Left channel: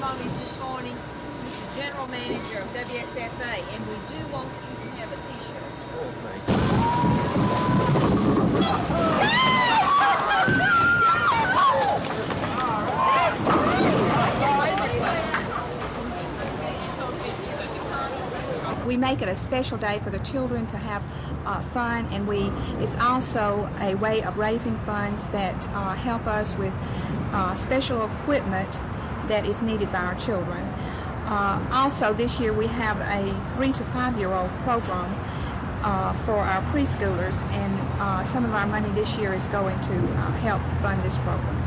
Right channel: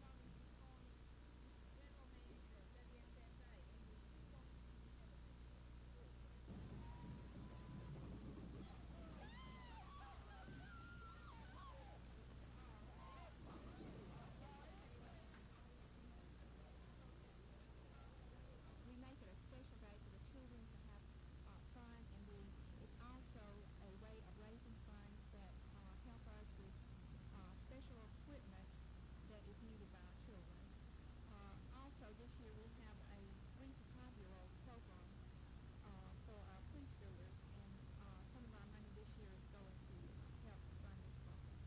ceremonies this morning, Mr. General Manager of WSFA, and we do want you to have a t-shirt. Oh, thank you. We make it a special day for the children to have fun, and it's also a way of raising funds that help us with special equipment that is needed by our children. Also, this year we have a 3 to 5-year-old program for our preschoolers, and some of our money this year is going to help fund this program.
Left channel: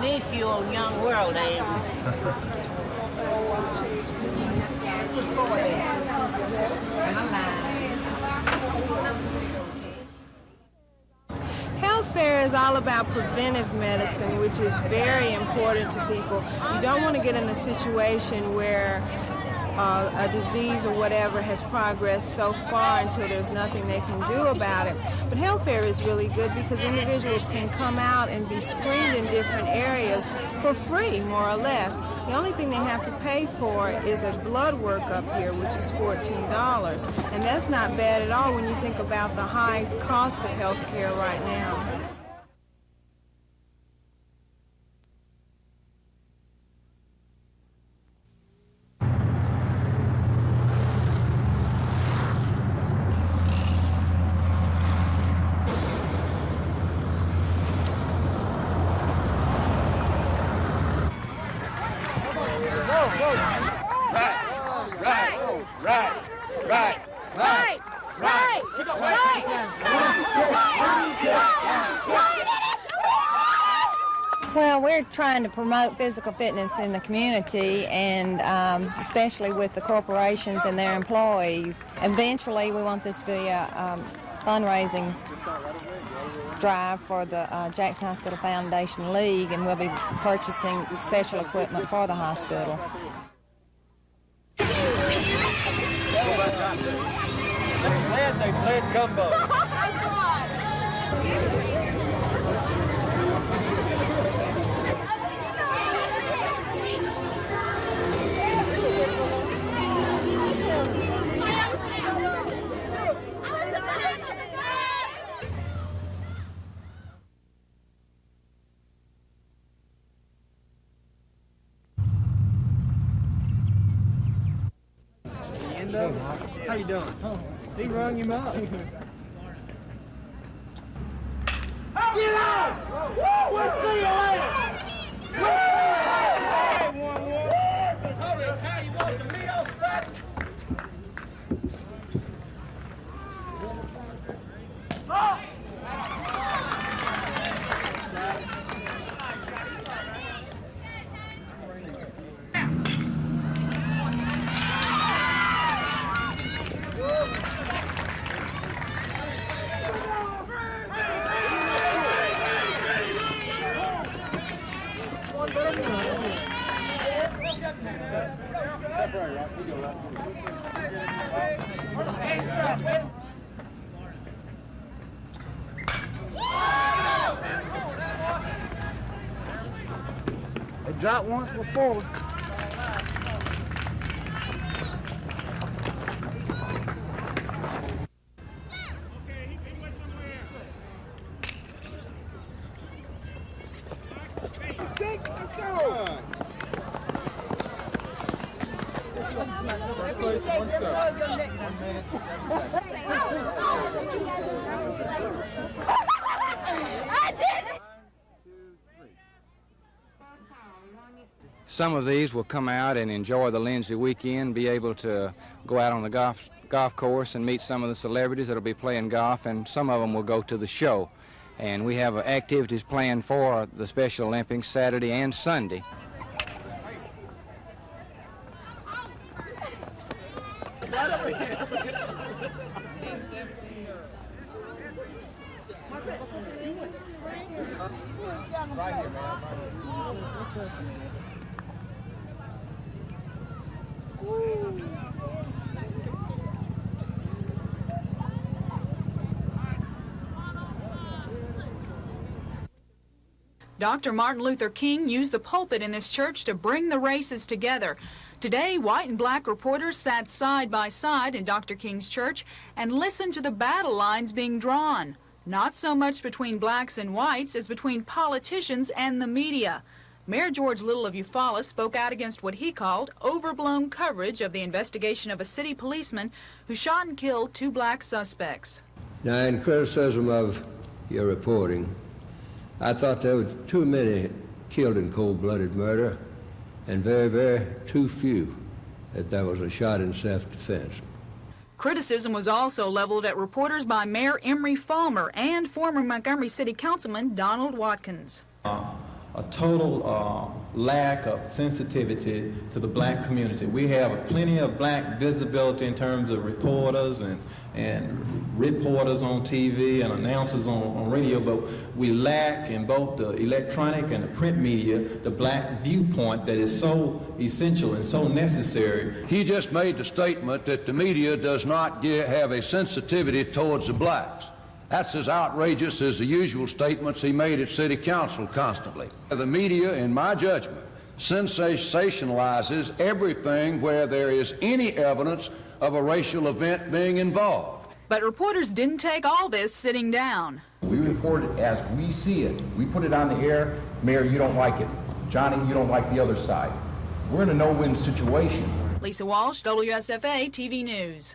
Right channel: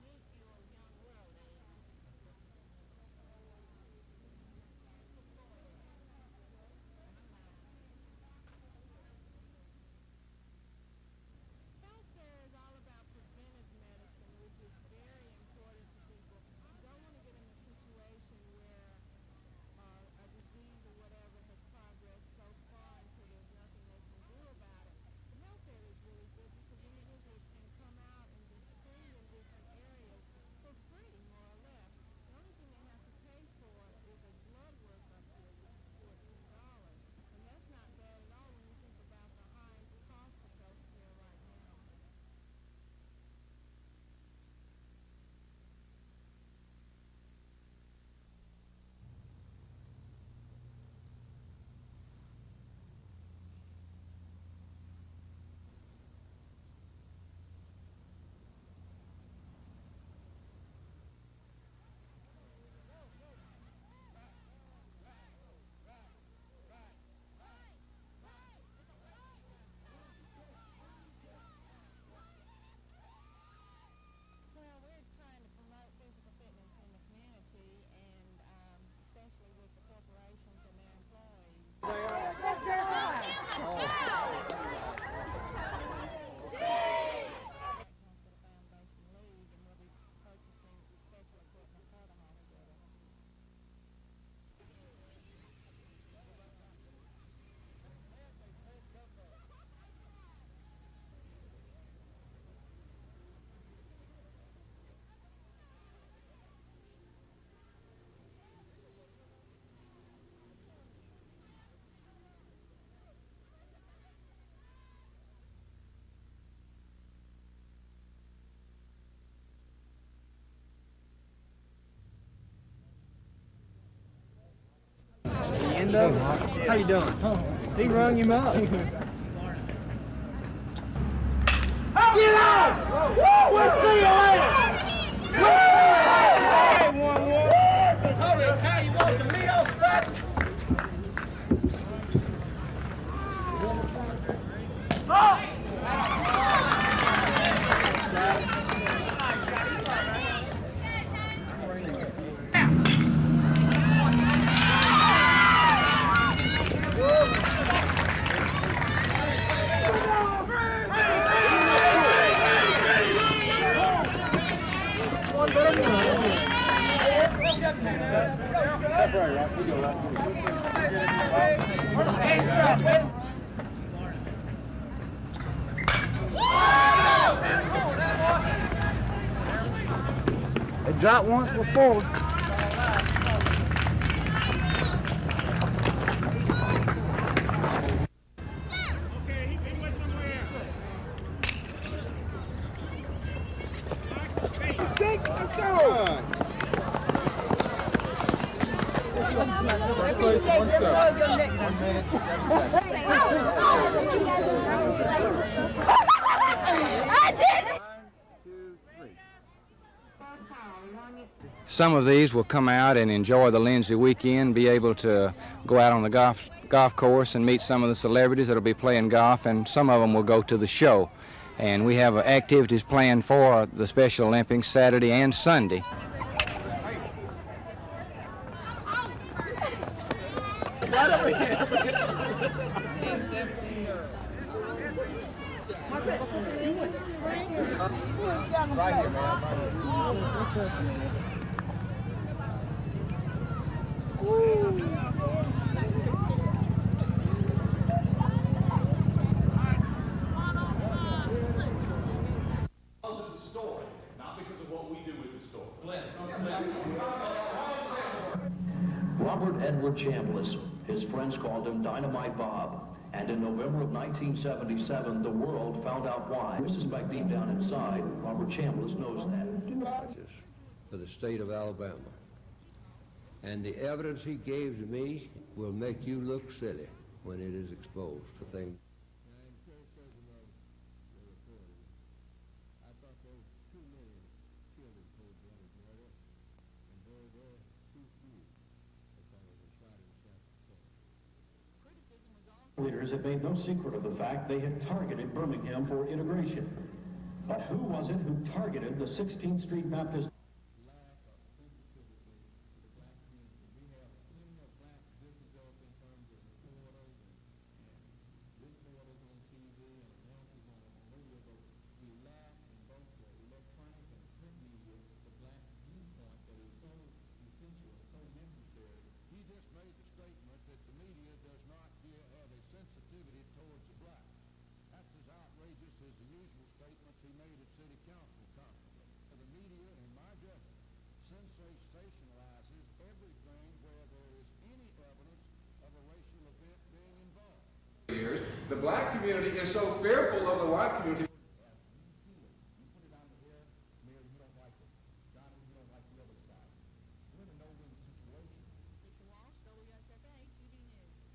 Miss you on Young World, Health fair is all about preventive medicine, which is very important to people. You don't want to get in a situation where a disease or whatever has progressed so far until there's nothing they can do about it. But health fair is really good because individuals can come out and be screened in different areas for free, more or less. The only thing they have to pay for is a blood work up here, which is $14. And that's not bad at all when you think about the high cost of health care right now. Well, we're trying to promote physical fitness in the community, and especially with the corporations and their employees. Eventually, we want this to be a fundraising drive for the Jackson Hospital Foundation League, and we'll be purchasing special equipment for the hospital. They played gumbo. That's right. How you doing? He rung him up. Get out! We'll see you later! Hey, you want some meat off the back? They dropped once before. Let's go! First place, 1 second. 1 minute, 7 seconds. Some of these will come out and enjoy the Lindsay weekend, be able to go out on the golf course and meet some of the celebrities that will be playing golf, and some of them will go to the show. And we have activities planned for the Special Olympics Saturday and Sunday. Right here, man. Dr. Martin Luther King used the pulpit in this church to bring the races together. Today, white and black reporters sat side by side in Dr. King's church and listened to the battle lines being drawn. Not so much between blacks and whites as between politicians and the media. Mayor George Little of Eufaula spoke out against what he called overblown coverage of the investigation of a city policeman who shot and killed 2 black suspects. Now, in criticism of your reporting, I thought there were too many killed in cold-blooded murder and very, very too few that there was a shot in self-defense. Criticism was also leveled at reporters by Mayor Emery Falmer and former Montgomery City Councilman Donald Watkins. A total lack of sensitivity to the black community. We have plenty of black visibility in terms of reporters and reporters on TV and announcers on radio, but we lack in both the electronic and the print media the black viewpoint that is so essential and so necessary. He just made the statement that the media does not have a sensitivity towards the blacks. That's as outrageous as the usual statements he made at City Council constantly. The media, in my judgment, sensationalizes everything where there is any evidence of a racial event being involved. But reporters didn't take all this sitting down. We report it as we see it. We put it on the air. Mayor, you don't like it. Johnny, you don't like the other side. We're in a no-win situation. Lisa Walsh, WSFA TV News.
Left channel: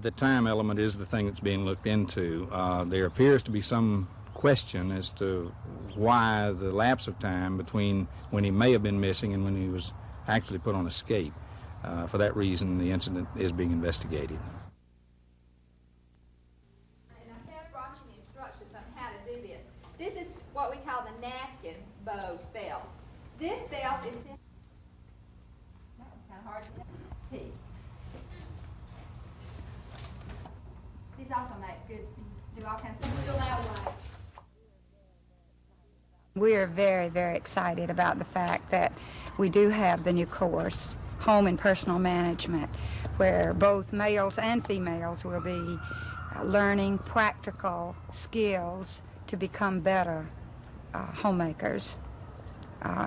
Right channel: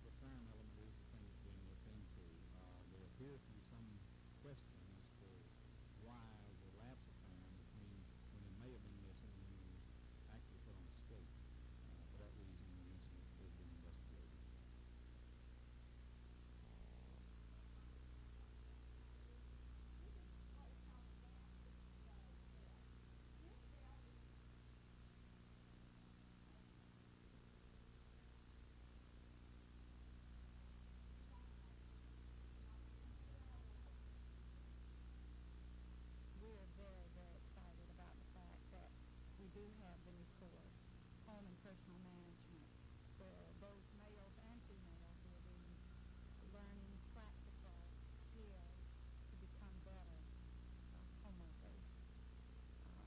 The time element is the thing that's being looked into. There appears to be some question as to why the lapse of time between when he may have been missing and when he was actually put on escape. For that reason, the incident is being investigated. And I have brought you the instructions on how to do this. This is what we call the napkin bow belt. This belt is that was kind of hard to piece. These also make good, do all kinds of still out white. We're very, very excited about the fact that we do have the new course, Home and Personal Management, where both males and females will be learning practical skills to become better homemakers.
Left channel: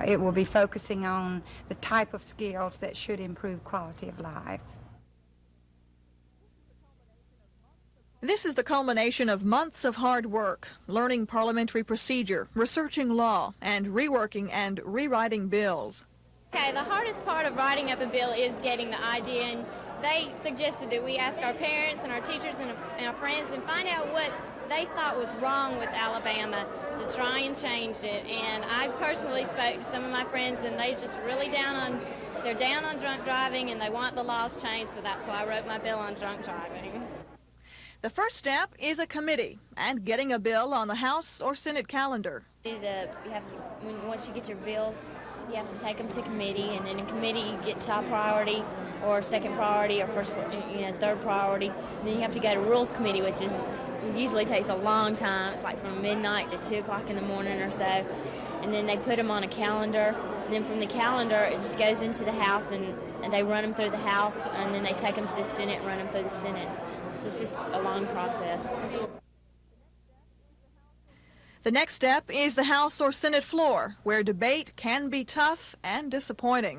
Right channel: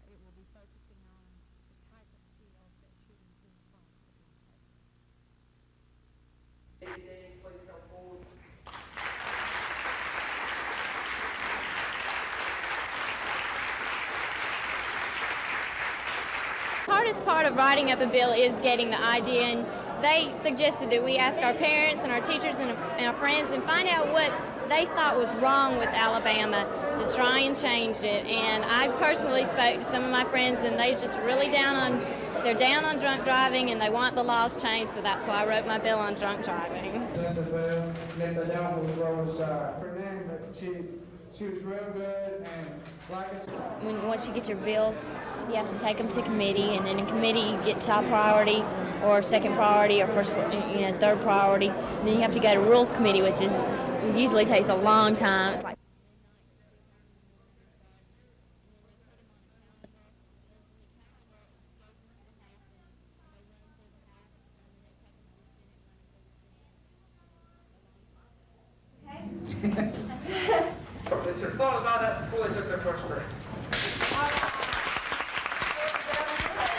It will be focusing on the type of skills that should improve quality of life. This is the culmination of months of hard work, learning parliamentary procedure, researching law, and reworking and rewriting bills. Okay, the hardest part of writing up a bill is getting the idea, and they suggested that we ask our parents and our teachers and our friends and find out what they thought was wrong with Alabama to try and change it. And I personally spoke to some of my friends, and they just really down on drunk driving, and they want the laws changed, so that's why I wrote my bill on drunk driving. The first step is a committee and getting a bill on the House or Senate calendar. Once you get your bills, you have to take them to committee, and then in committee you get top priority or second priority or third priority. And then you have to go to Rules Committee, which usually takes a long time. It's like from midnight to 2 o'clock in the morning or so. And then they put them on a calendar, and then from the calendar it just goes into the House, and they run them through the House, and then they take them to the Senate and run them through the Senate. So it's just a long process. The next step is the House or Senate floor, where debate can be tough and disappointing.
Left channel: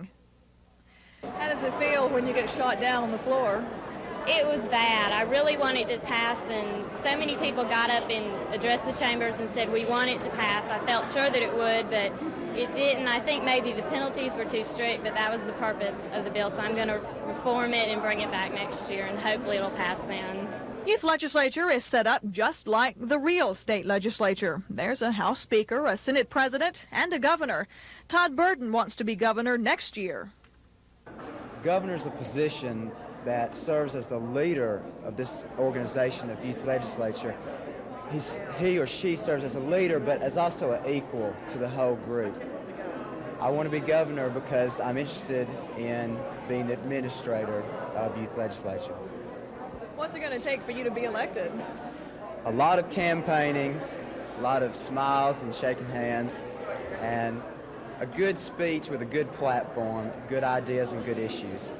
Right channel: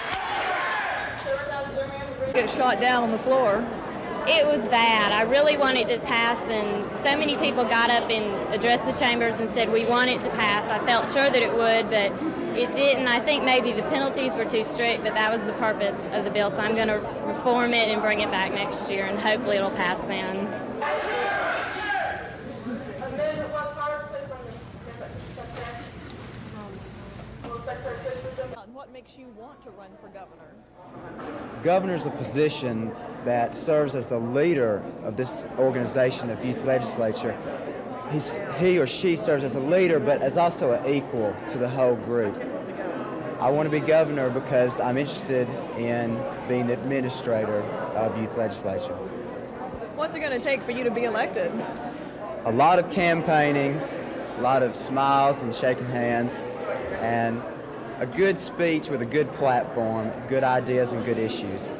How does it feel when you get shot down on the floor? It was bad. I really wanted to pass, and so many people got up and addressed the chambers and said we want it to pass. I felt sure that it would, but it didn't. I think maybe the penalties were too strict, but that was the purpose of the bill, so I'm going to reform it and bring it back next year, and hopefully it'll pass then. The youth legislature is set up just like the real state legislature. There's a House Speaker, a Senate President, and a governor. Todd Burton wants to be governor next year. Governor's a position that serves as the leader of this organization of youth legislature. He or she serves as a leader, but as also an equal to the whole group. I want to be governor because I'm interested in being the administrator of youth legislature. What's it going to take for you to be elected? A lot of campaigning, a lot of smiles and shaking hands, and a good speech with a good platform, good ideas and good issues.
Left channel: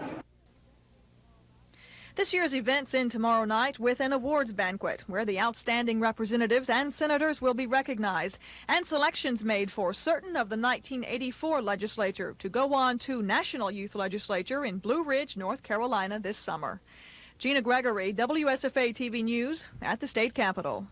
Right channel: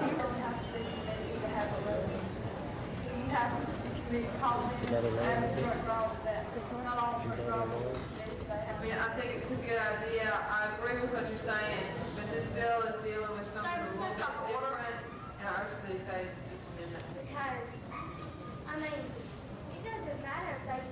This year's events end tomorrow night with an awards banquet where the outstanding representatives and senators will be recognized and selections made for certain of the 1984 legislature to go on to National Youth Legislature in Blue Ridge, North Carolina this summer. Gina Gregory, WSFA TV News at the state capitol.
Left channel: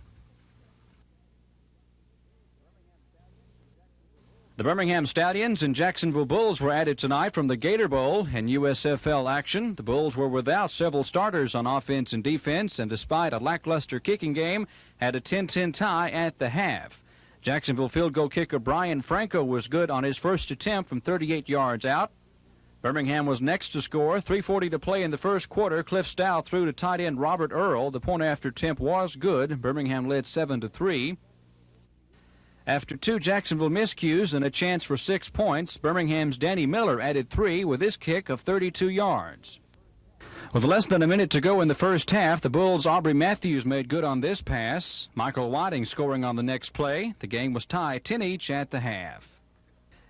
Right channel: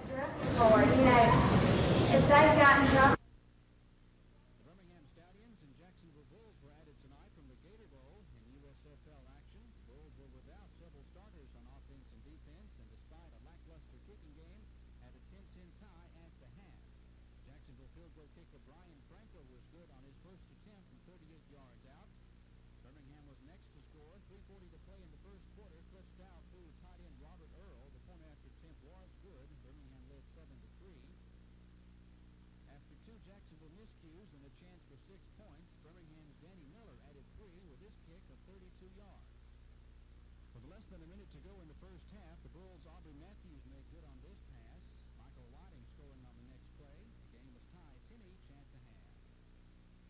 The Birmingham Stallions and Jacksonville Bulls were added tonight from the Gator Bowl in USFL action. The Bulls were without several starters on offense and defense, and despite a lackluster kicking game, had a 10-10 tie at the half. Jacksonville field goal kicker Brian Franco was good on his first attempt from 38 yards out. Birmingham was next to score. 3:40 to play in the first quarter. Cliff Stout threw to tight end Robert Earl. The point after attempt was good. Birmingham led 7-3. After 2 Jacksonville miscues and a chance for 6 points, Birmingham's Danny Miller added 3 with his kick of 32 yards. With less than a minute to go in the first half, the Bulls' Aubrey Matthews made good on this pass. Michael Whiting scoring on the next play. The game was tied 10 each at the half.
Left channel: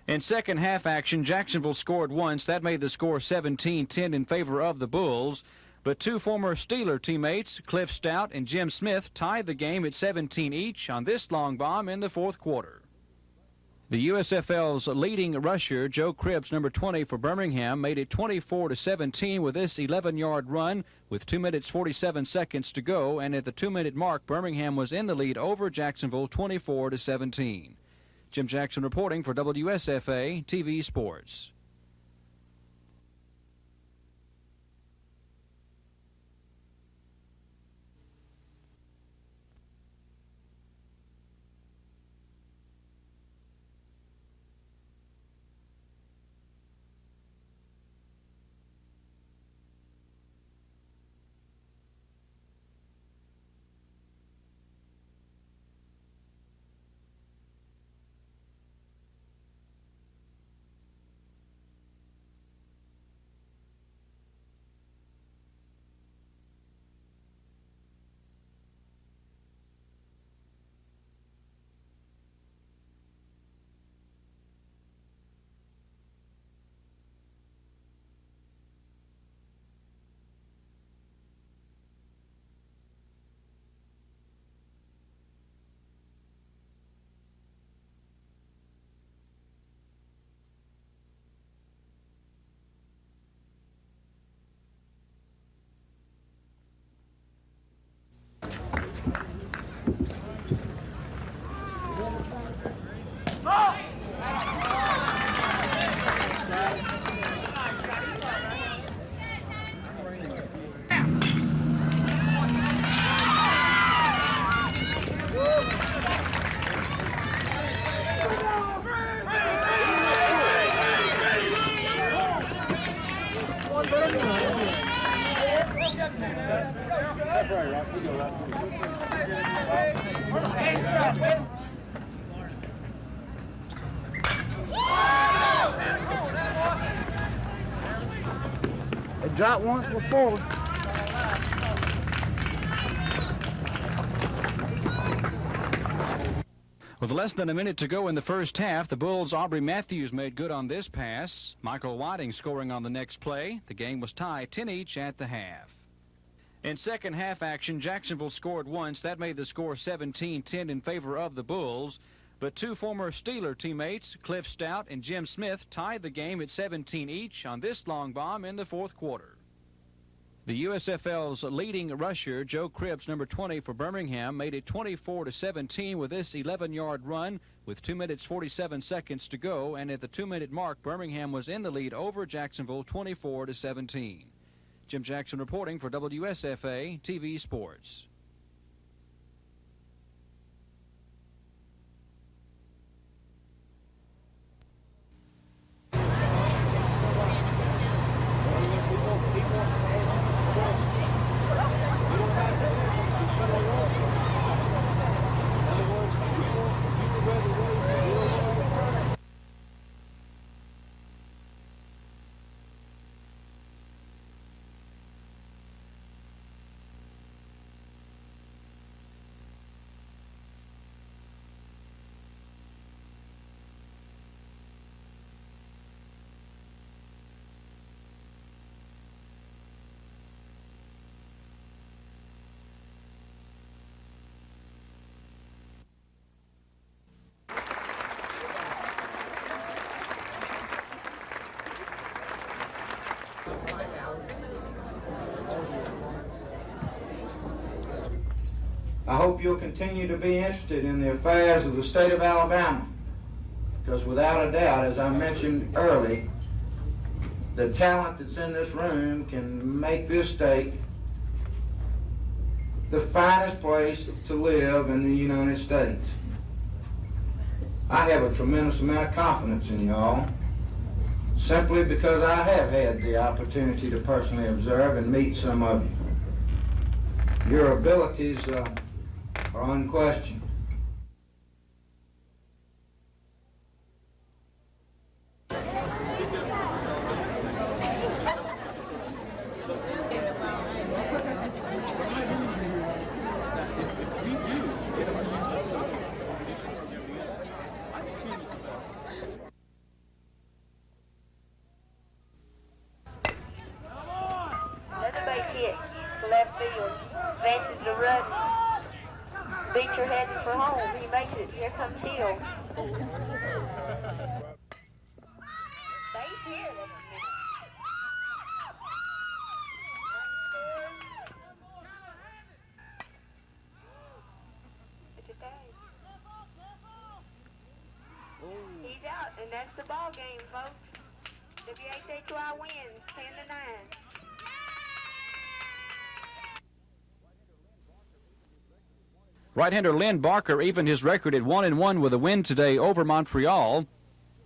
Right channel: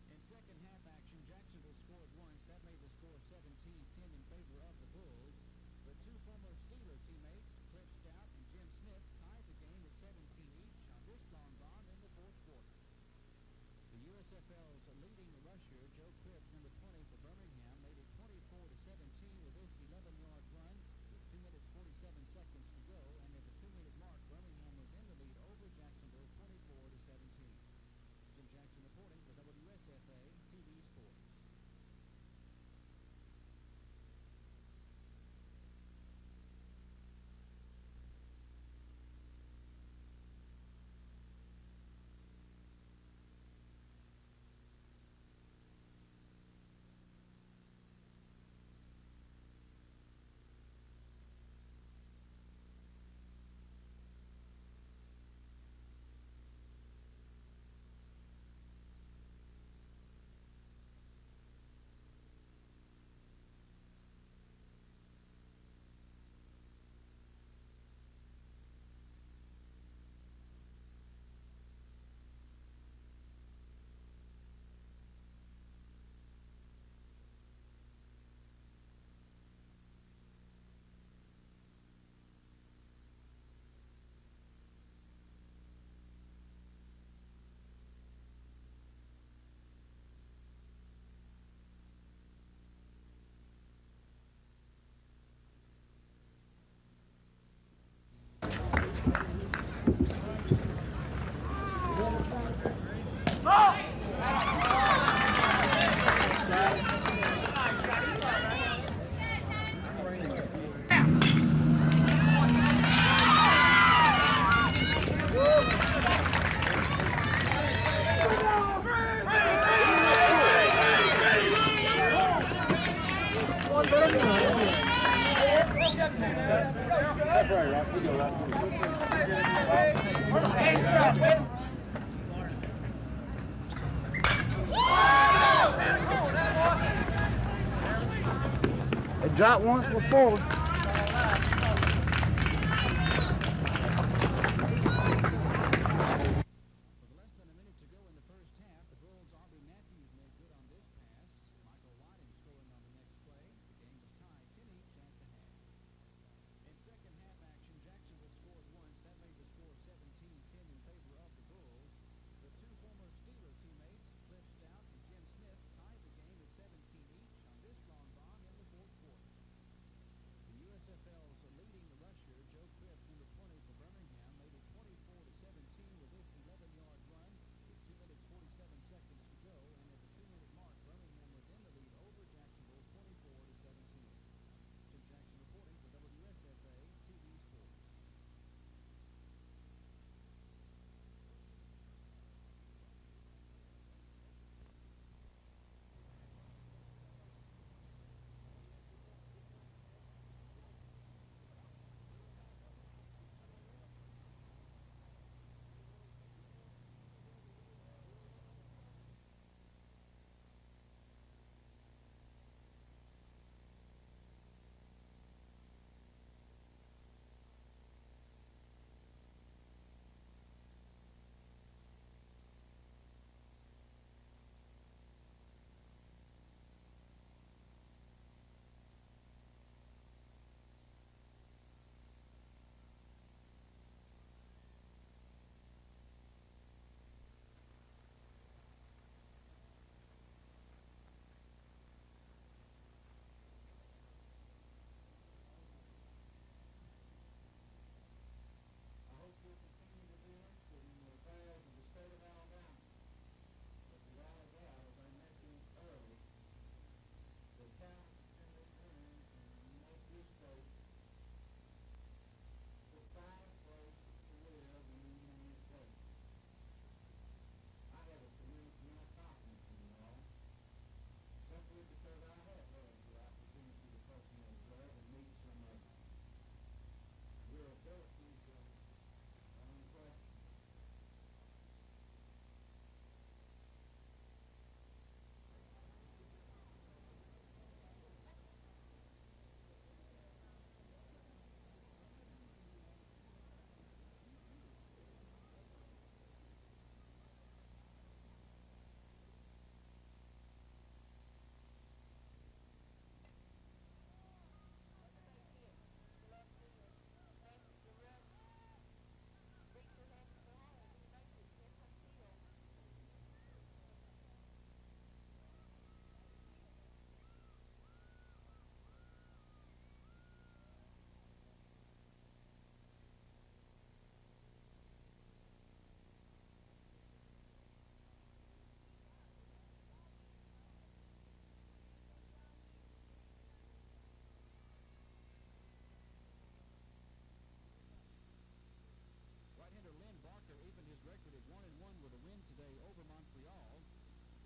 In second half action, Jacksonville scored once. That made the score 17-10 in favor of the Bulls. But 2 former Steeler teammates, Cliff Stout and Jim Smith, tied the game at 17 each on this long bomb in the fourth quarter. The USFL's leading rusher, Joe Cribbs, number 20 for Birmingham, made it 24-17 with this 11-yard run with 2 minutes 47 seconds to go, and at the 2-minute mark, Birmingham was in the lead over Jacksonville 24-17. Jim Jackson reporting for WSFA TV Sports. They dropped once before. With less than a minute to go in the first half, the Bulls' Aubrey Matthews made good on this pass. Michael Whiting scoring on the next play. The game was tied 10 each at the half. In second half action, Jacksonville scored once. That made the score 17-10 in favor of the Bulls. But 2 former Steeler teammates, Cliff Stout and Jim Smith, tied the game at 17 each on this long bomb in the fourth quarter. The USFL's leading rusher, Joe Cribbs, number 20 for Birmingham, made it 24-17 with this 11-yard run with 2 minutes 47 seconds to go, and at the 2-minute mark, Birmingham was in the lead over Jacksonville 24-17. Jim Jackson reporting for WSFA TV Sports. I hope you'll continue to be interested in the affairs of the state of Alabama, because without a doubt, as I mentioned early, the talent that's in this room can make this state the finest place to live in the United States. I have a tremendous amount of confidence in y'all, simply because I have had the opportunity to personally observe and meet some of you. Your abilities are unquestioned. Another base hit to left field. Advances to Rudd. Beecher heading for home. He makes it. Here comes Hill. Base hit. He's out, and that's the ball game, folks. WSFA wins 10-9. Right-hander Lynn Barker evened his record at 1-1 with a win today over Montreal.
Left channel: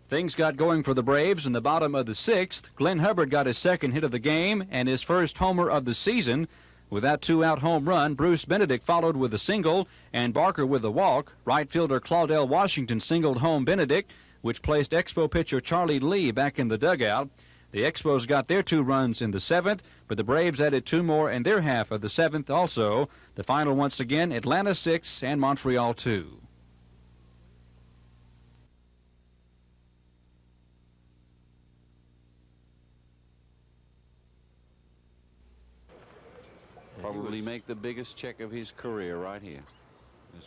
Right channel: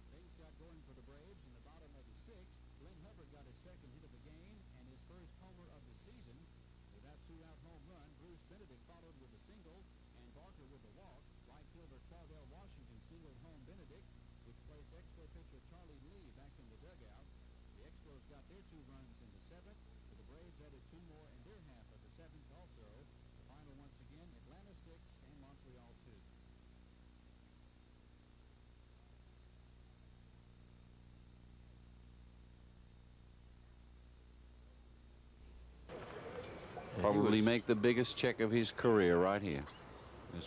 Things got going for the Braves in the bottom of the sixth. Glenn Hubbard got his second hit of the game and his first homer of the season. With that two-out home run, Bruce Benedict followed with a single and Barker with a walk. Right fielder Claudell Washington singled home Benedict, which placed Expo pitcher Charlie Lee back in the dugout. The Expos got their 2 runs in the 7th, but the Braves added 2 more in their half of the 7th also. The final once again, Atlanta 6 and Montreal 2. Probably make the biggest check of his career right here. This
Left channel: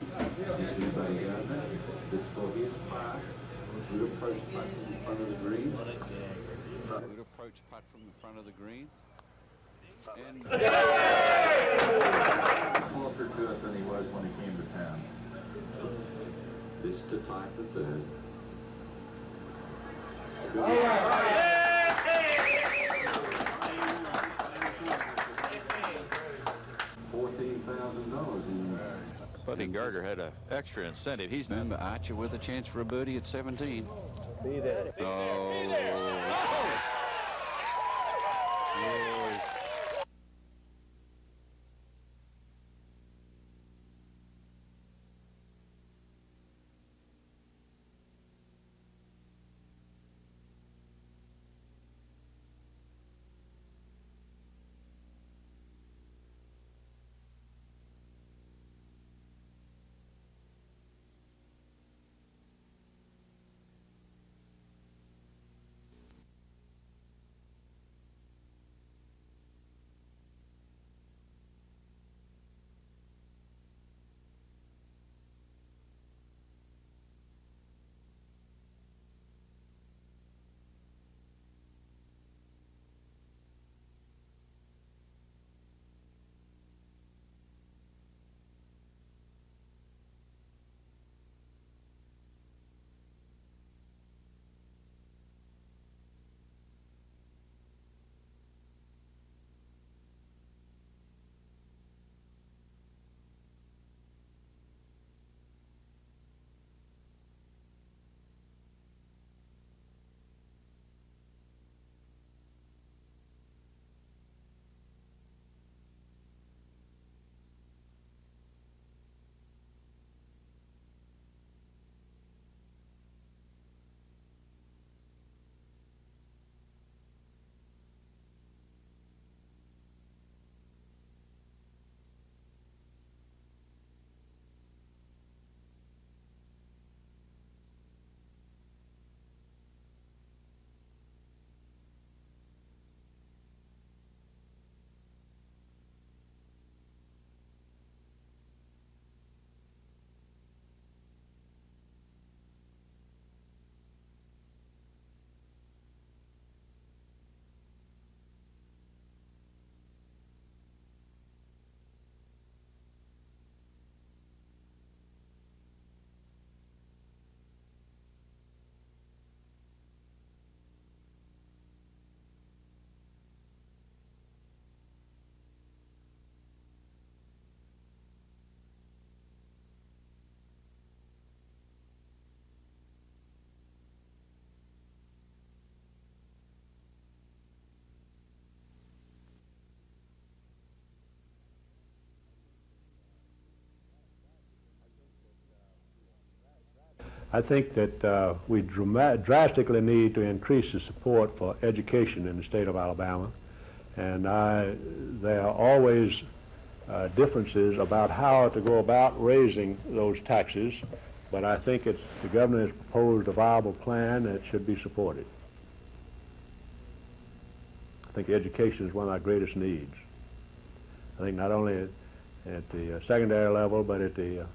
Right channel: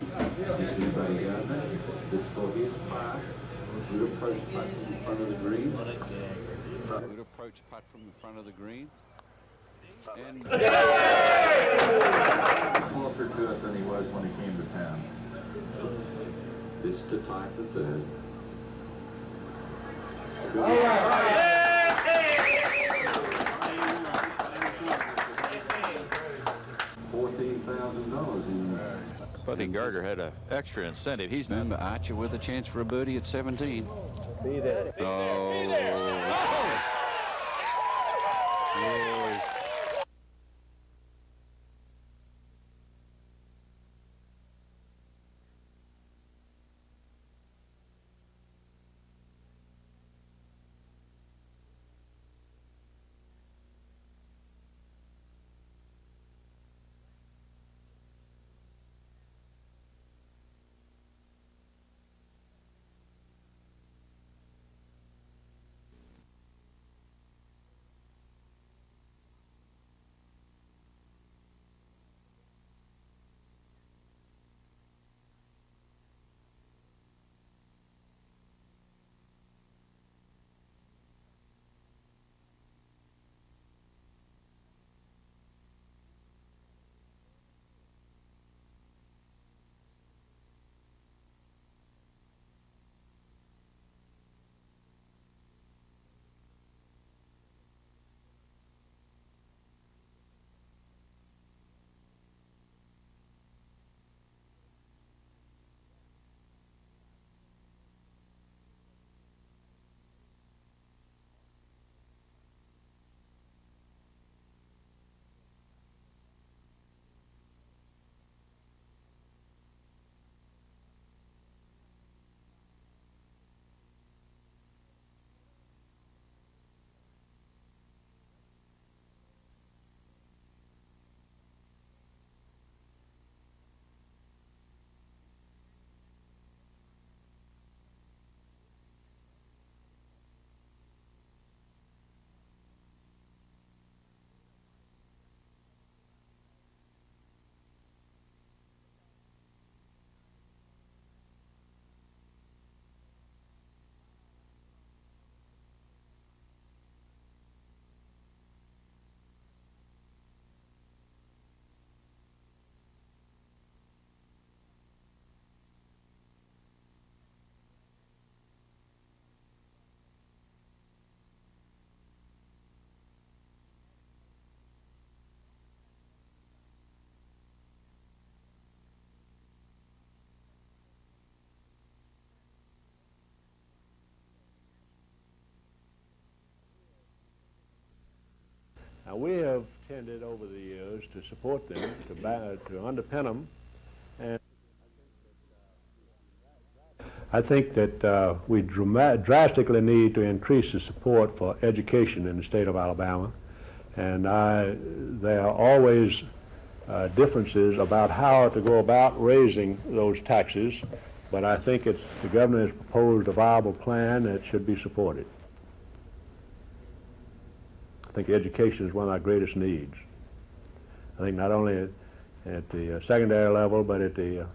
for his putt. Good approach putt from the front of the green. Good approach putt from the front of the green. And closer to us than he was when he came to town. This to tie for third. $14,000 in. Buddy Gardner had an extra incentive. He's remember Archer with a chance for a birdie at 17. Be there. Oh. Yes. to support them, to underpin them. And I think that we drastically need to increase the support for education in the state of Alabama. And there are always differences about how to go about raising those taxes, but I think the governor has proposed a viable plan that should be supported. I think education is one of our greatest needs. I think not only at the secondary level, but at the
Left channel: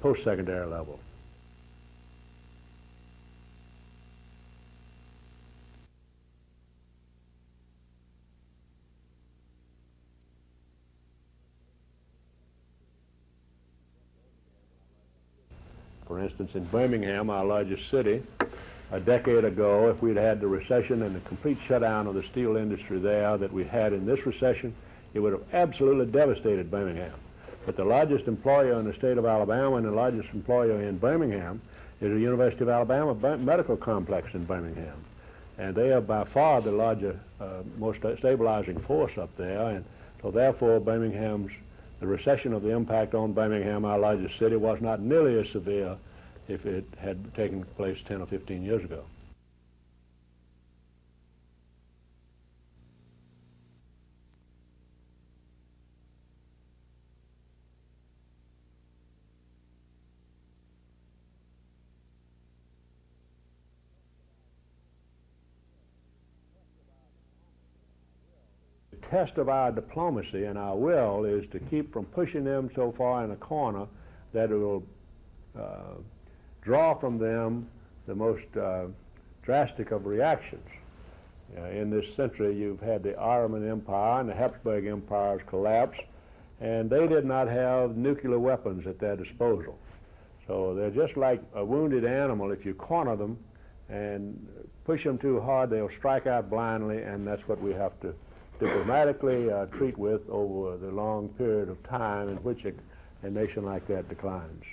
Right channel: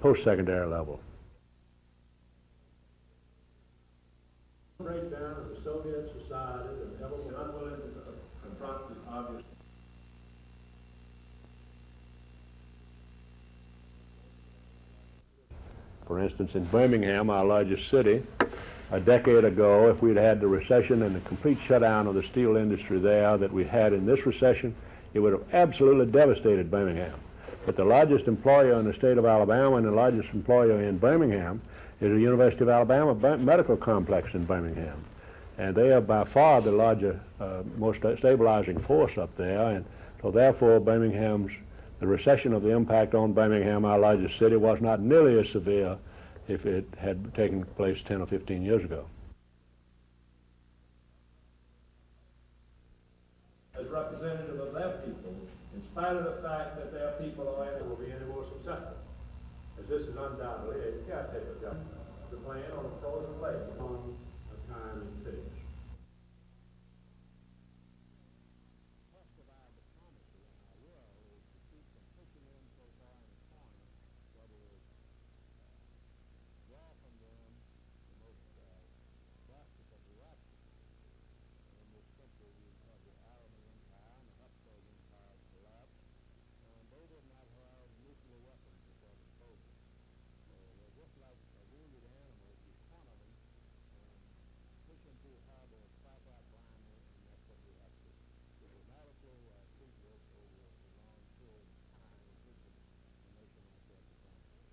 post-secondary level. Breakdown of the Soviet society that ever been unwilling to confront this obvious. For instance, in Birmingham, our largest city, a decade ago, if we'd had the recession and the complete shutdown of the steel industry there that we had in this recession, it would have absolutely devastated Birmingham. But the largest employer in the state of Alabama and the largest employer in Birmingham is the University of Alabama Medical Complex in Birmingham. And they are by far the larger, most stabilizing force up there. And so therefore, the recession of the impact on Birmingham, our largest city, was not nearly as severe if it had taken place 10 or 15 years ago. As representative of their people, in spite of the fact that their people are able to be any more successful, as this is undoubtedly a caretaker government, the plan on a frozen lake on a time and fish. The test of our diplomacy and our will is to keep from pushing them so far in a corner that it will draw from them the most drastic of reactions. In this century, you've had the Ottoman Empire and the Habsburg Empires collapse, and they did not have nuclear weapons at their disposal. So they're just like a wounded animal. If you corner them and push them too hard, they'll strike out blindly, and that's what we have to diplomatically treat with over the long period of time in which a nation like that declines.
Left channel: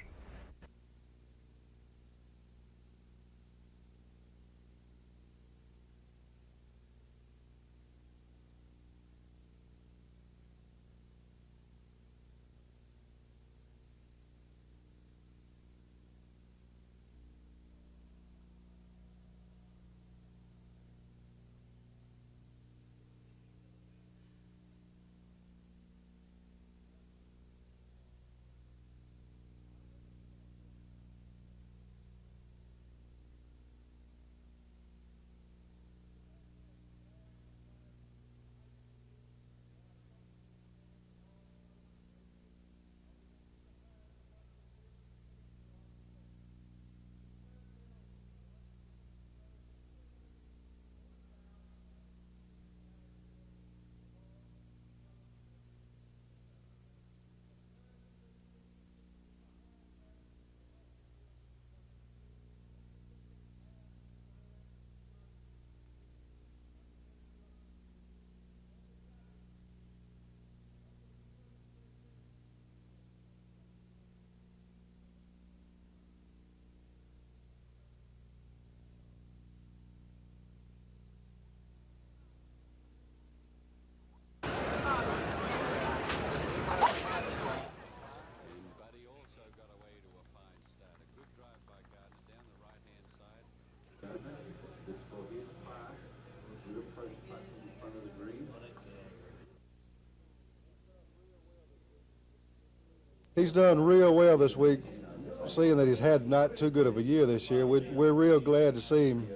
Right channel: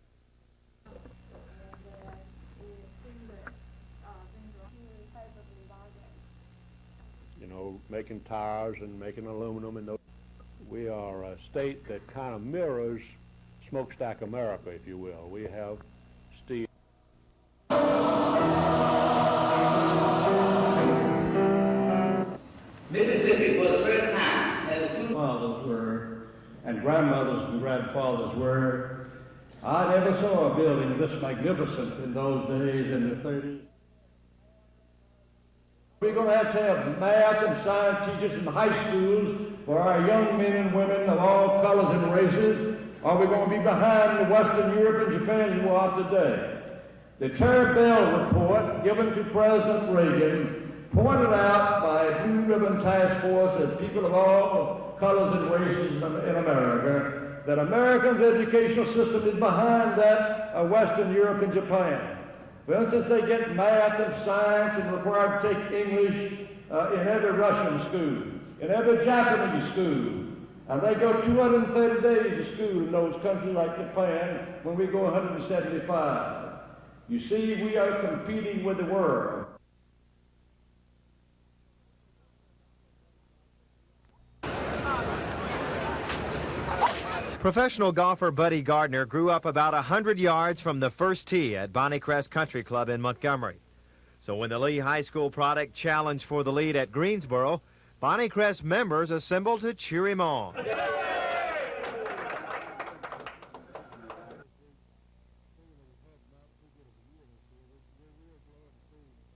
Making tires and making aluminum, and we are a state that kind of mirrors smokestack America, if you will. We have steel. Mississippi, for the first time, as fathers were, and grandmothers and grandfathers were. I never saw a building this magnificent in those days in the 30s. We're going to have math and science teachers in the high schools for our young men and women of all colors and races. Are we going to be behind the Western Europe and Japan as we are today? The Terry Bell report given to President Reagan pointed out by a Blue Ribbon Task Force of people of all colors and races in America that Americans' educational system is behind that of Western Europe and Japan. For instance, they get math and science and required to take English in every Russian school, in every Japanese school. And they go 230 days to school in those countries like Japan when we go 175. You see, we are competing with the world. Professional golfer Buddy Gardner grew up about 100 yards from the first tee at Bonnycrest Country Club in Montgomery. So when the Lee High School product challenged for the lead at Greensboro, Bonnycrest members assembled to cheer him on. He's done real well this week, seeing that he's had not too good of a year this year. We're real glad to see him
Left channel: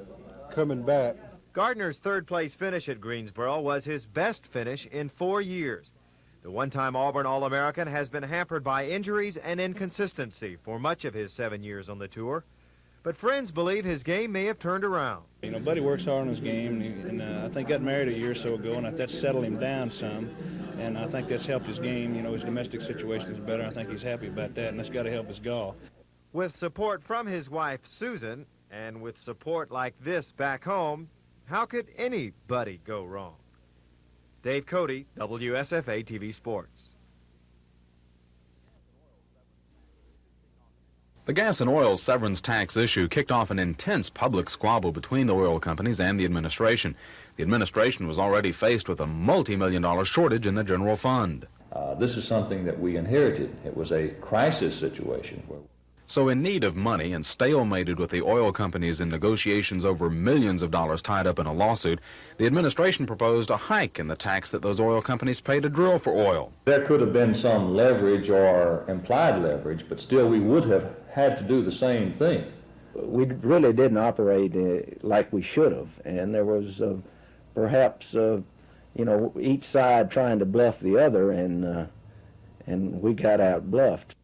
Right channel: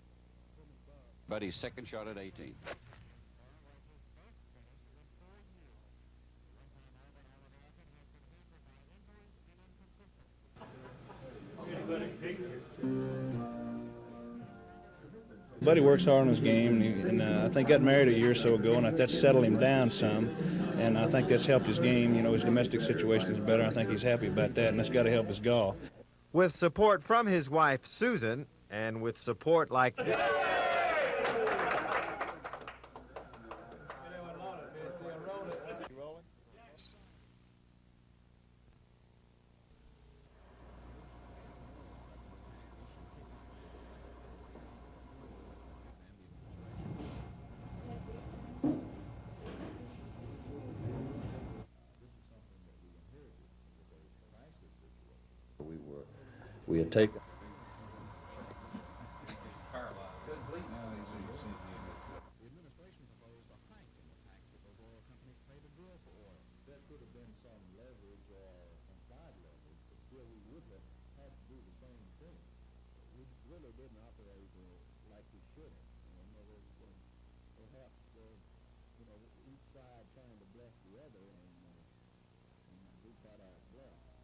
coming back. Gardner's third-place finish at Greensboro was his best finish in 4 years. The one-time Auburn All-American has been hampered by injuries and inconsistency for much of his 7 years on the tour, but friends believe his game may have turned around. You know, Buddy works hard on his game, and I think got married a year or so ago, and that's settled him down some, and I think that's helped his game. You know, his domestic situation is better. I think he's happy about that, and that's got to help his golf. With support from his wife, Susan, and with support like this back home, how could anybody go wrong? Dave Cody, WSFA TV Sports. The gas and oil severance tax issue kicked off an intense public squabble between the oil companies and the administration. The administration was already faced with a multi-million-dollar shortage in the general fund. This is something that we inherited. It was a crisis situation where we were... So in need of money and stalemated with the oil companies in negotiations over millions of dollars tied up in a lawsuit, the administration proposed a hike in the tax that those oil companies pay to drill for oil. There could have been some leverage or implied leverage, but still we would have had to do the same thing. We really didn't operate like we should have, and there was perhaps each side trying to bluff the other, and we got out bluffed.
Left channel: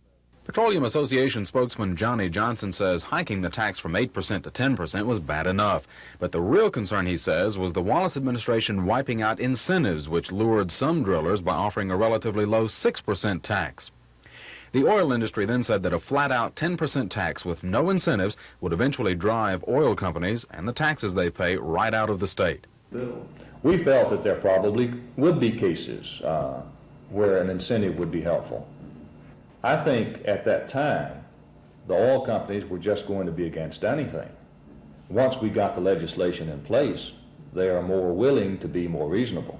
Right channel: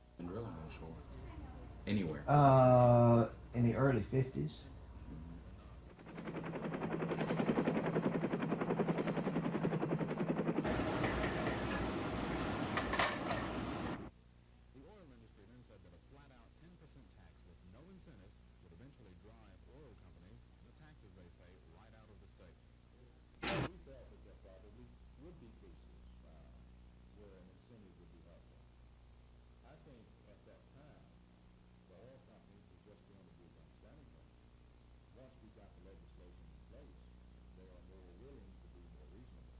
Petroleum Association spokesman Johnny Johnson says hiking the tax from 8% to 10% was bad enough. But the real concern, he says, was the Wallace administration wiping out incentives which lured some drillers by offering a relatively low 6% tax. The oil industry then said that a flat-out 10% tax with no incentives would eventually drive oil companies and the taxes they pay right out of the state. We felt that there probably would be cases where an incentive would be helpful. I think at that time, the oil companies were just going to be against anything. Once we got the legislation in place, they are more willing to be more reasonable.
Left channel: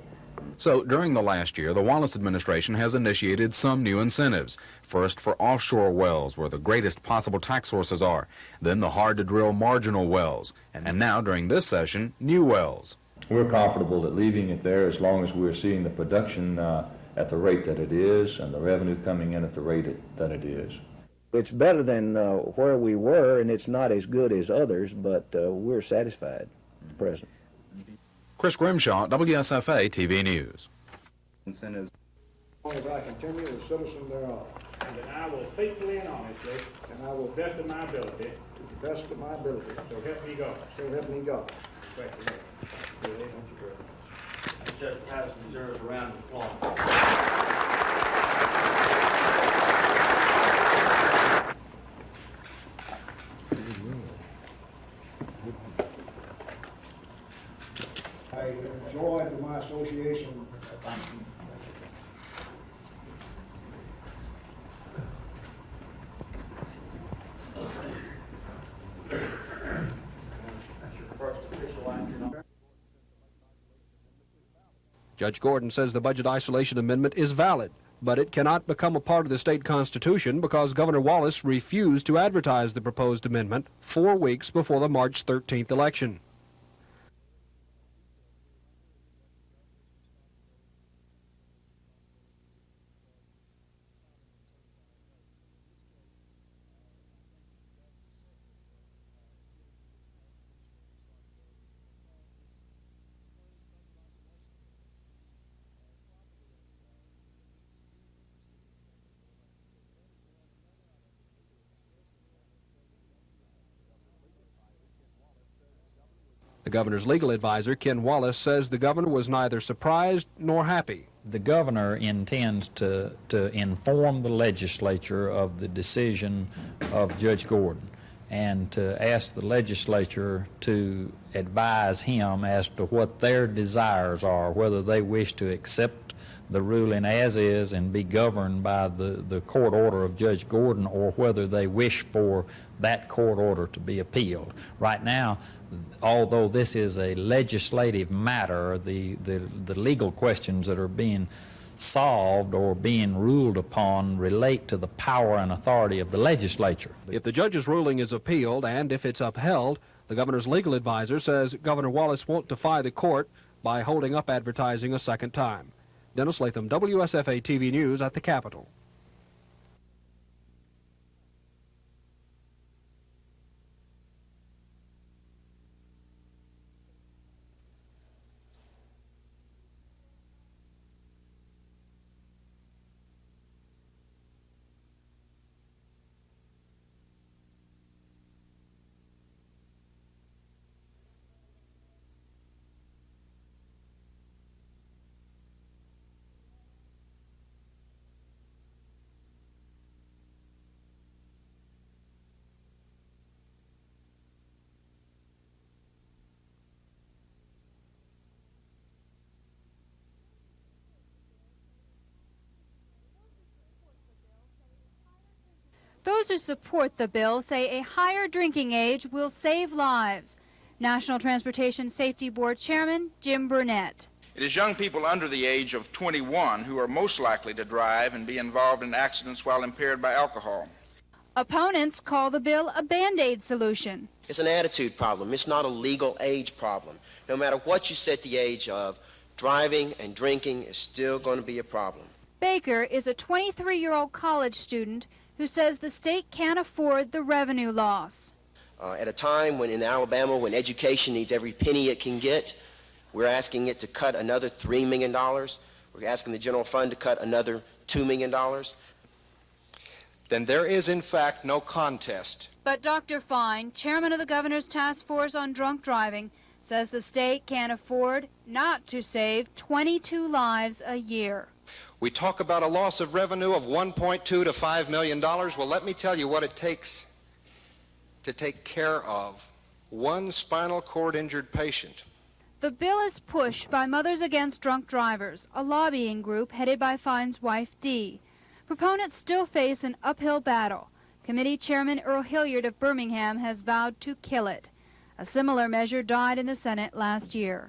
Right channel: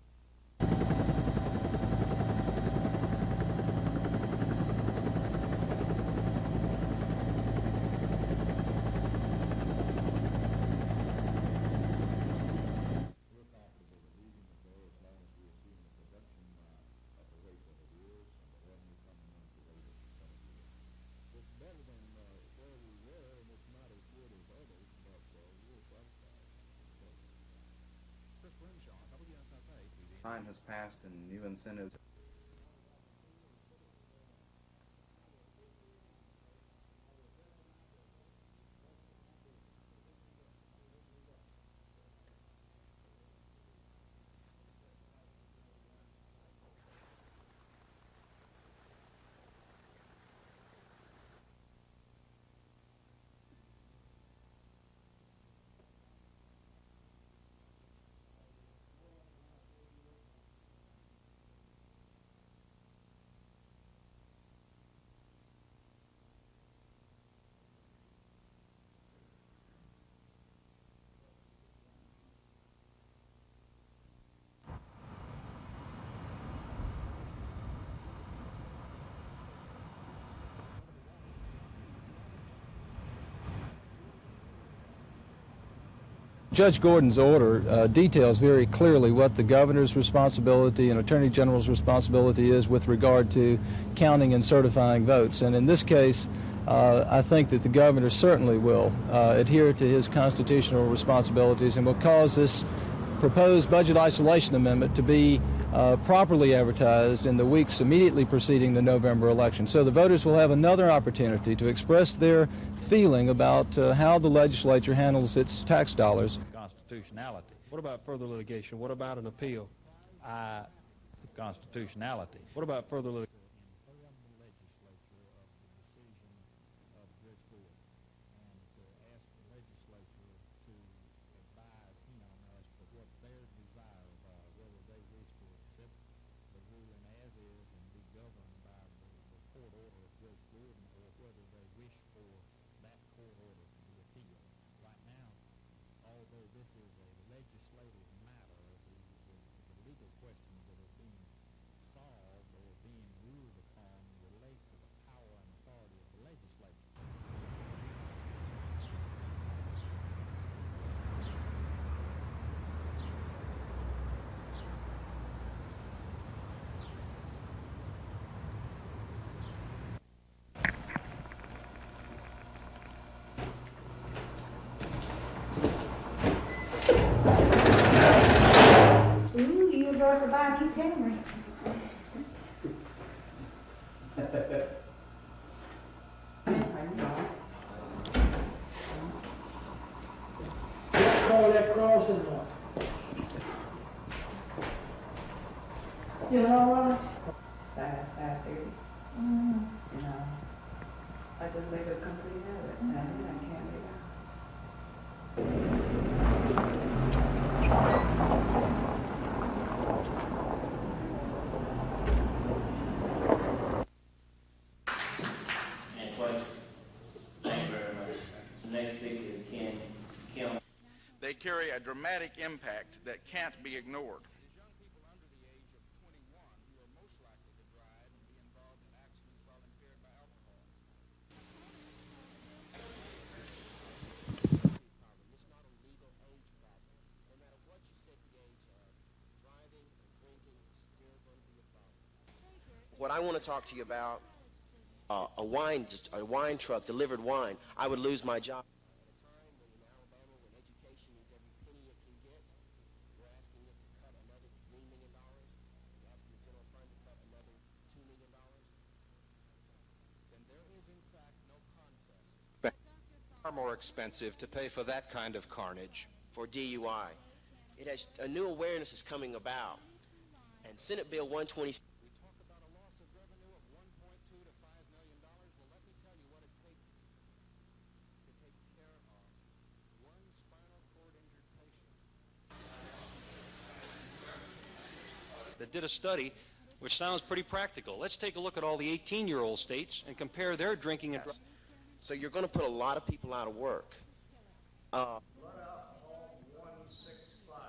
So during the last year, the Wallace administration has initiated some new incentives. First for offshore wells, where the greatest possible tax sources are. Then the hard-to-drill marginal wells. And now, during this session, new wells. We're comfortable at leaving it there as long as we're seeing the production at the rate that it is and the revenue coming in at the rate that it is. It's better than where we were, and it's not as good as others, but we're satisfied at present. Chris Grimshaw, WSFA TV News. New incentives. As I continue as citizen thereof. And that I will faithfully and honestly. And I will best of my ability. To the best of my ability. So help me God. So help me God. Thank you. Judge Patterson deserves a round of applause. I enjoyed my association. Judge Gordon says the Budget Isolation Amendment is valid, but it cannot become a part of the state constitution because Governor Wallace refused to advertise the proposed amendment 4 weeks before the March 13th election. Judge Gordon's order details very clearly what the governor's responsibility and attorney general's responsibility is with regard to counting and certifying votes. And in this case, I think that the governor certainly will adhere to his constitutional responsibilities and will cause this proposed budget isolation amendment to be properly advertised in the weeks immediately preceding the November election. So the voters will have another opportunity to express their feeling about how the legislature handles its tax dollars. The governor's legal advisor, Ken Wallace, says the governor was neither surprised nor happy. The governor intends to inform the legislature of the decision of Judge Gordon and to ask the legislature to advise him as to what their desires are, whether they wish to accept the ruling as is and be governed by the court order of Judge Gordon, or whether they wish for that court order to be appealed. Right now, although this is a legislative matter, the legal questions that are being solved or being ruled upon relate to the power and authority of the legislature. If the judge's ruling is appealed and if it's upheld, the governor's legal advisor says Governor Wallace won't defy the court by holding up advertising a second time. Dennis Latham, WSFA TV News at the Capitol. Ooh, you brought the buy a new camera. Call that crossing one. You all right? 5:30. You know, I just made a complete habit, and I can't get Those who support the bill say a higher drinking age will save lives. National Transportation Safety Board Chairman Jim Burnett. It is young people under the age of 21 who are most likely to drive and be involved in accidents while impaired by alcohol. Opponents call the bill a Band-Aid solution. It's an attitude problem. It's not a legal age problem. No matter what you set the age of, driving and drinking is still going to be a problem. Baker is a 23-year-old college student who says the state can't afford the revenue loss. I would lose my job. At a time when in Alabama, when education needs every penny it can get, we're asking it to cut another $3 million. We're asking the general fund to cut another $2 million. Then there is, in fact, no contest. But Dr. Fine, chairman of the governor's task force on drunk driving, says the state can't afford not to save 22 lives a year. We talk about a loss of revenue of $1.2 to $5 million. Well, let me tell you what it takes to take care of one spinal cord injured patient. The bill is pushed by Mothers Against Drunk Drivers, a lobbying group headed by Fine's wife, Dee. Proponents still face an uphill battle. Committee Chairman Earl Hilliard of Birmingham has vowed to kill it. A similar measure died in the Senate last year.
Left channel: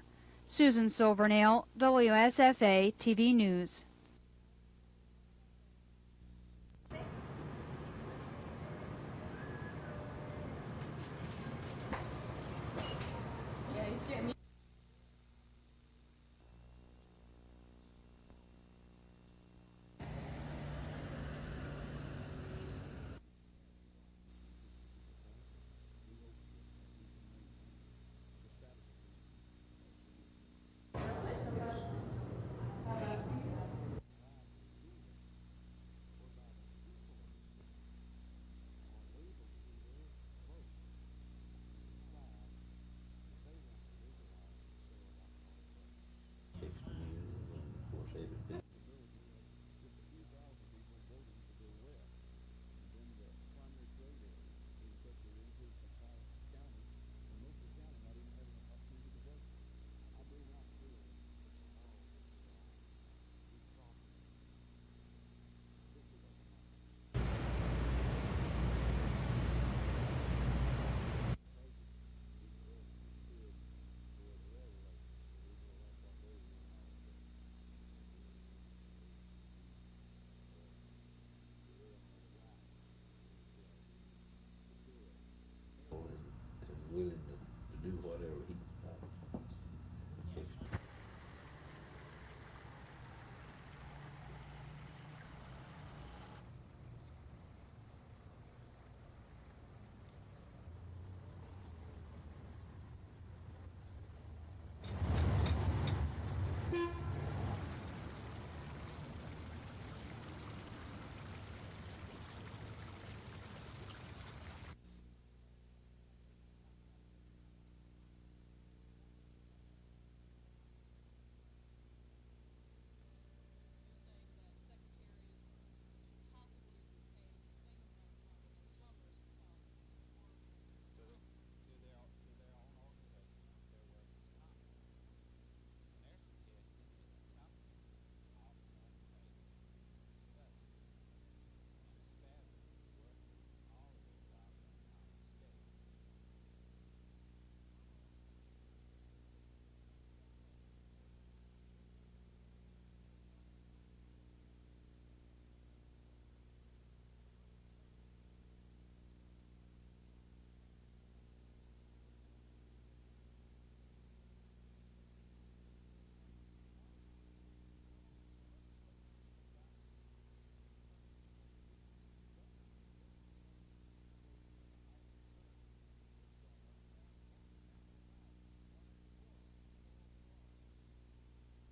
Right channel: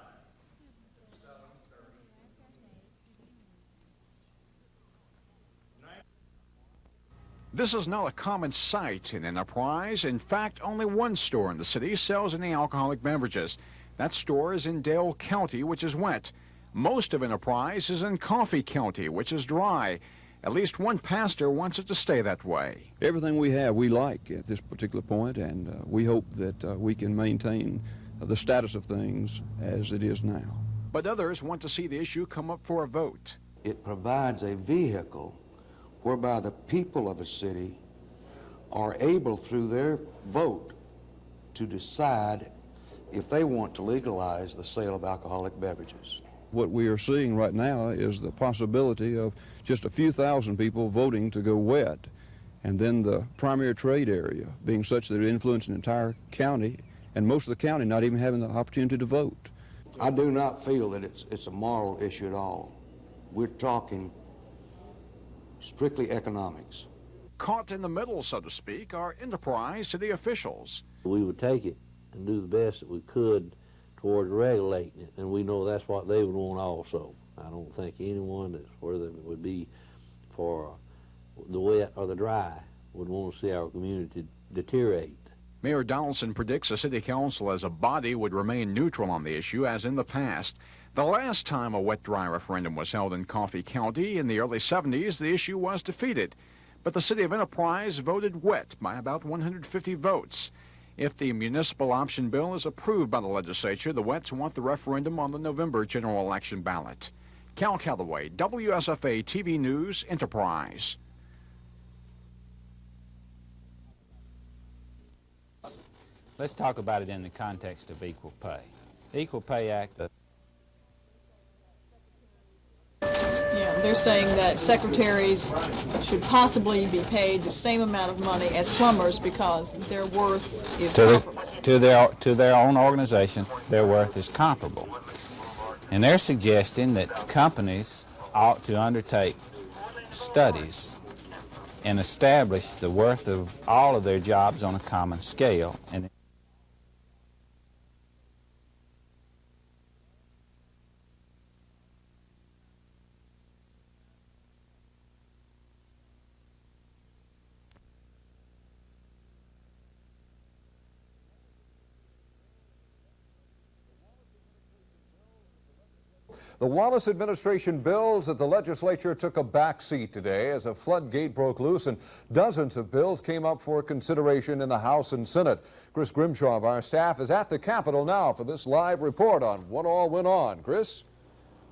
Susan Silvernail, WSFA TV News. This is not a common sight in Enterprise. In fact, only one store in the city sells any alcoholic beverages. That store is in Dale County, which is wet. Most of Enterprise is in Coffee County, which is dry. At least one pastor wants it to stay that way. Everything we have we like at this particular point, and we hope that we can maintain the status of things as it is now. But others want to see the issue come up for a vote. It provides a vehicle whereby the people of a city are able, through their vote, to decide if they want to legalize the sale of alcoholic beverages. What we are seeing right now is the possibility of just a few thousand people voting to go wet, and then the primary trade area being such that it influences an entire county, and most of the county not even having the opportunity to vote. I do not feel that it's a moral issue at all. We're talking strictly economics. Caught in the middle, so to speak, are Enterprise to the officials. We would take it and do the best that we could towards regulating it, and we know that's what they would want also. I don't think anyone that's whether it would be for the wet or the dry would want to see our community deteriorate. Mayor Donaldson predicts the city council as a body would remain neutral on the issue as in the past. The last time a wet-dry referendum was held in Coffee County in the early 70s, the issue was defeated. But the city of Enterprise voted wet by about 150 votes. If the municipal option bill is approved by the legislature, the Wets want the referendum on the November general election ballot. Cal Calloway, WSFA TV News, Enterprise. Let's talk about it in the context of equal pay. The Equal Pay Act. Yeah, they're saying that secretaries should possibly be paid the same amount of money as plumbers because their worth is comparable. To their own organization, their worth is comparable. And they're suggesting that companies ought to undertake studies and establish the worth of all of their jobs on a common scale. And The Wallace administration bills that the legislature took a back seat today as a floodgate broke loose and dozens of bills came up for consideration in the House and Senate. Chris Grimshaw of our staff is at the Capitol now for this live report on what all went on. Chris?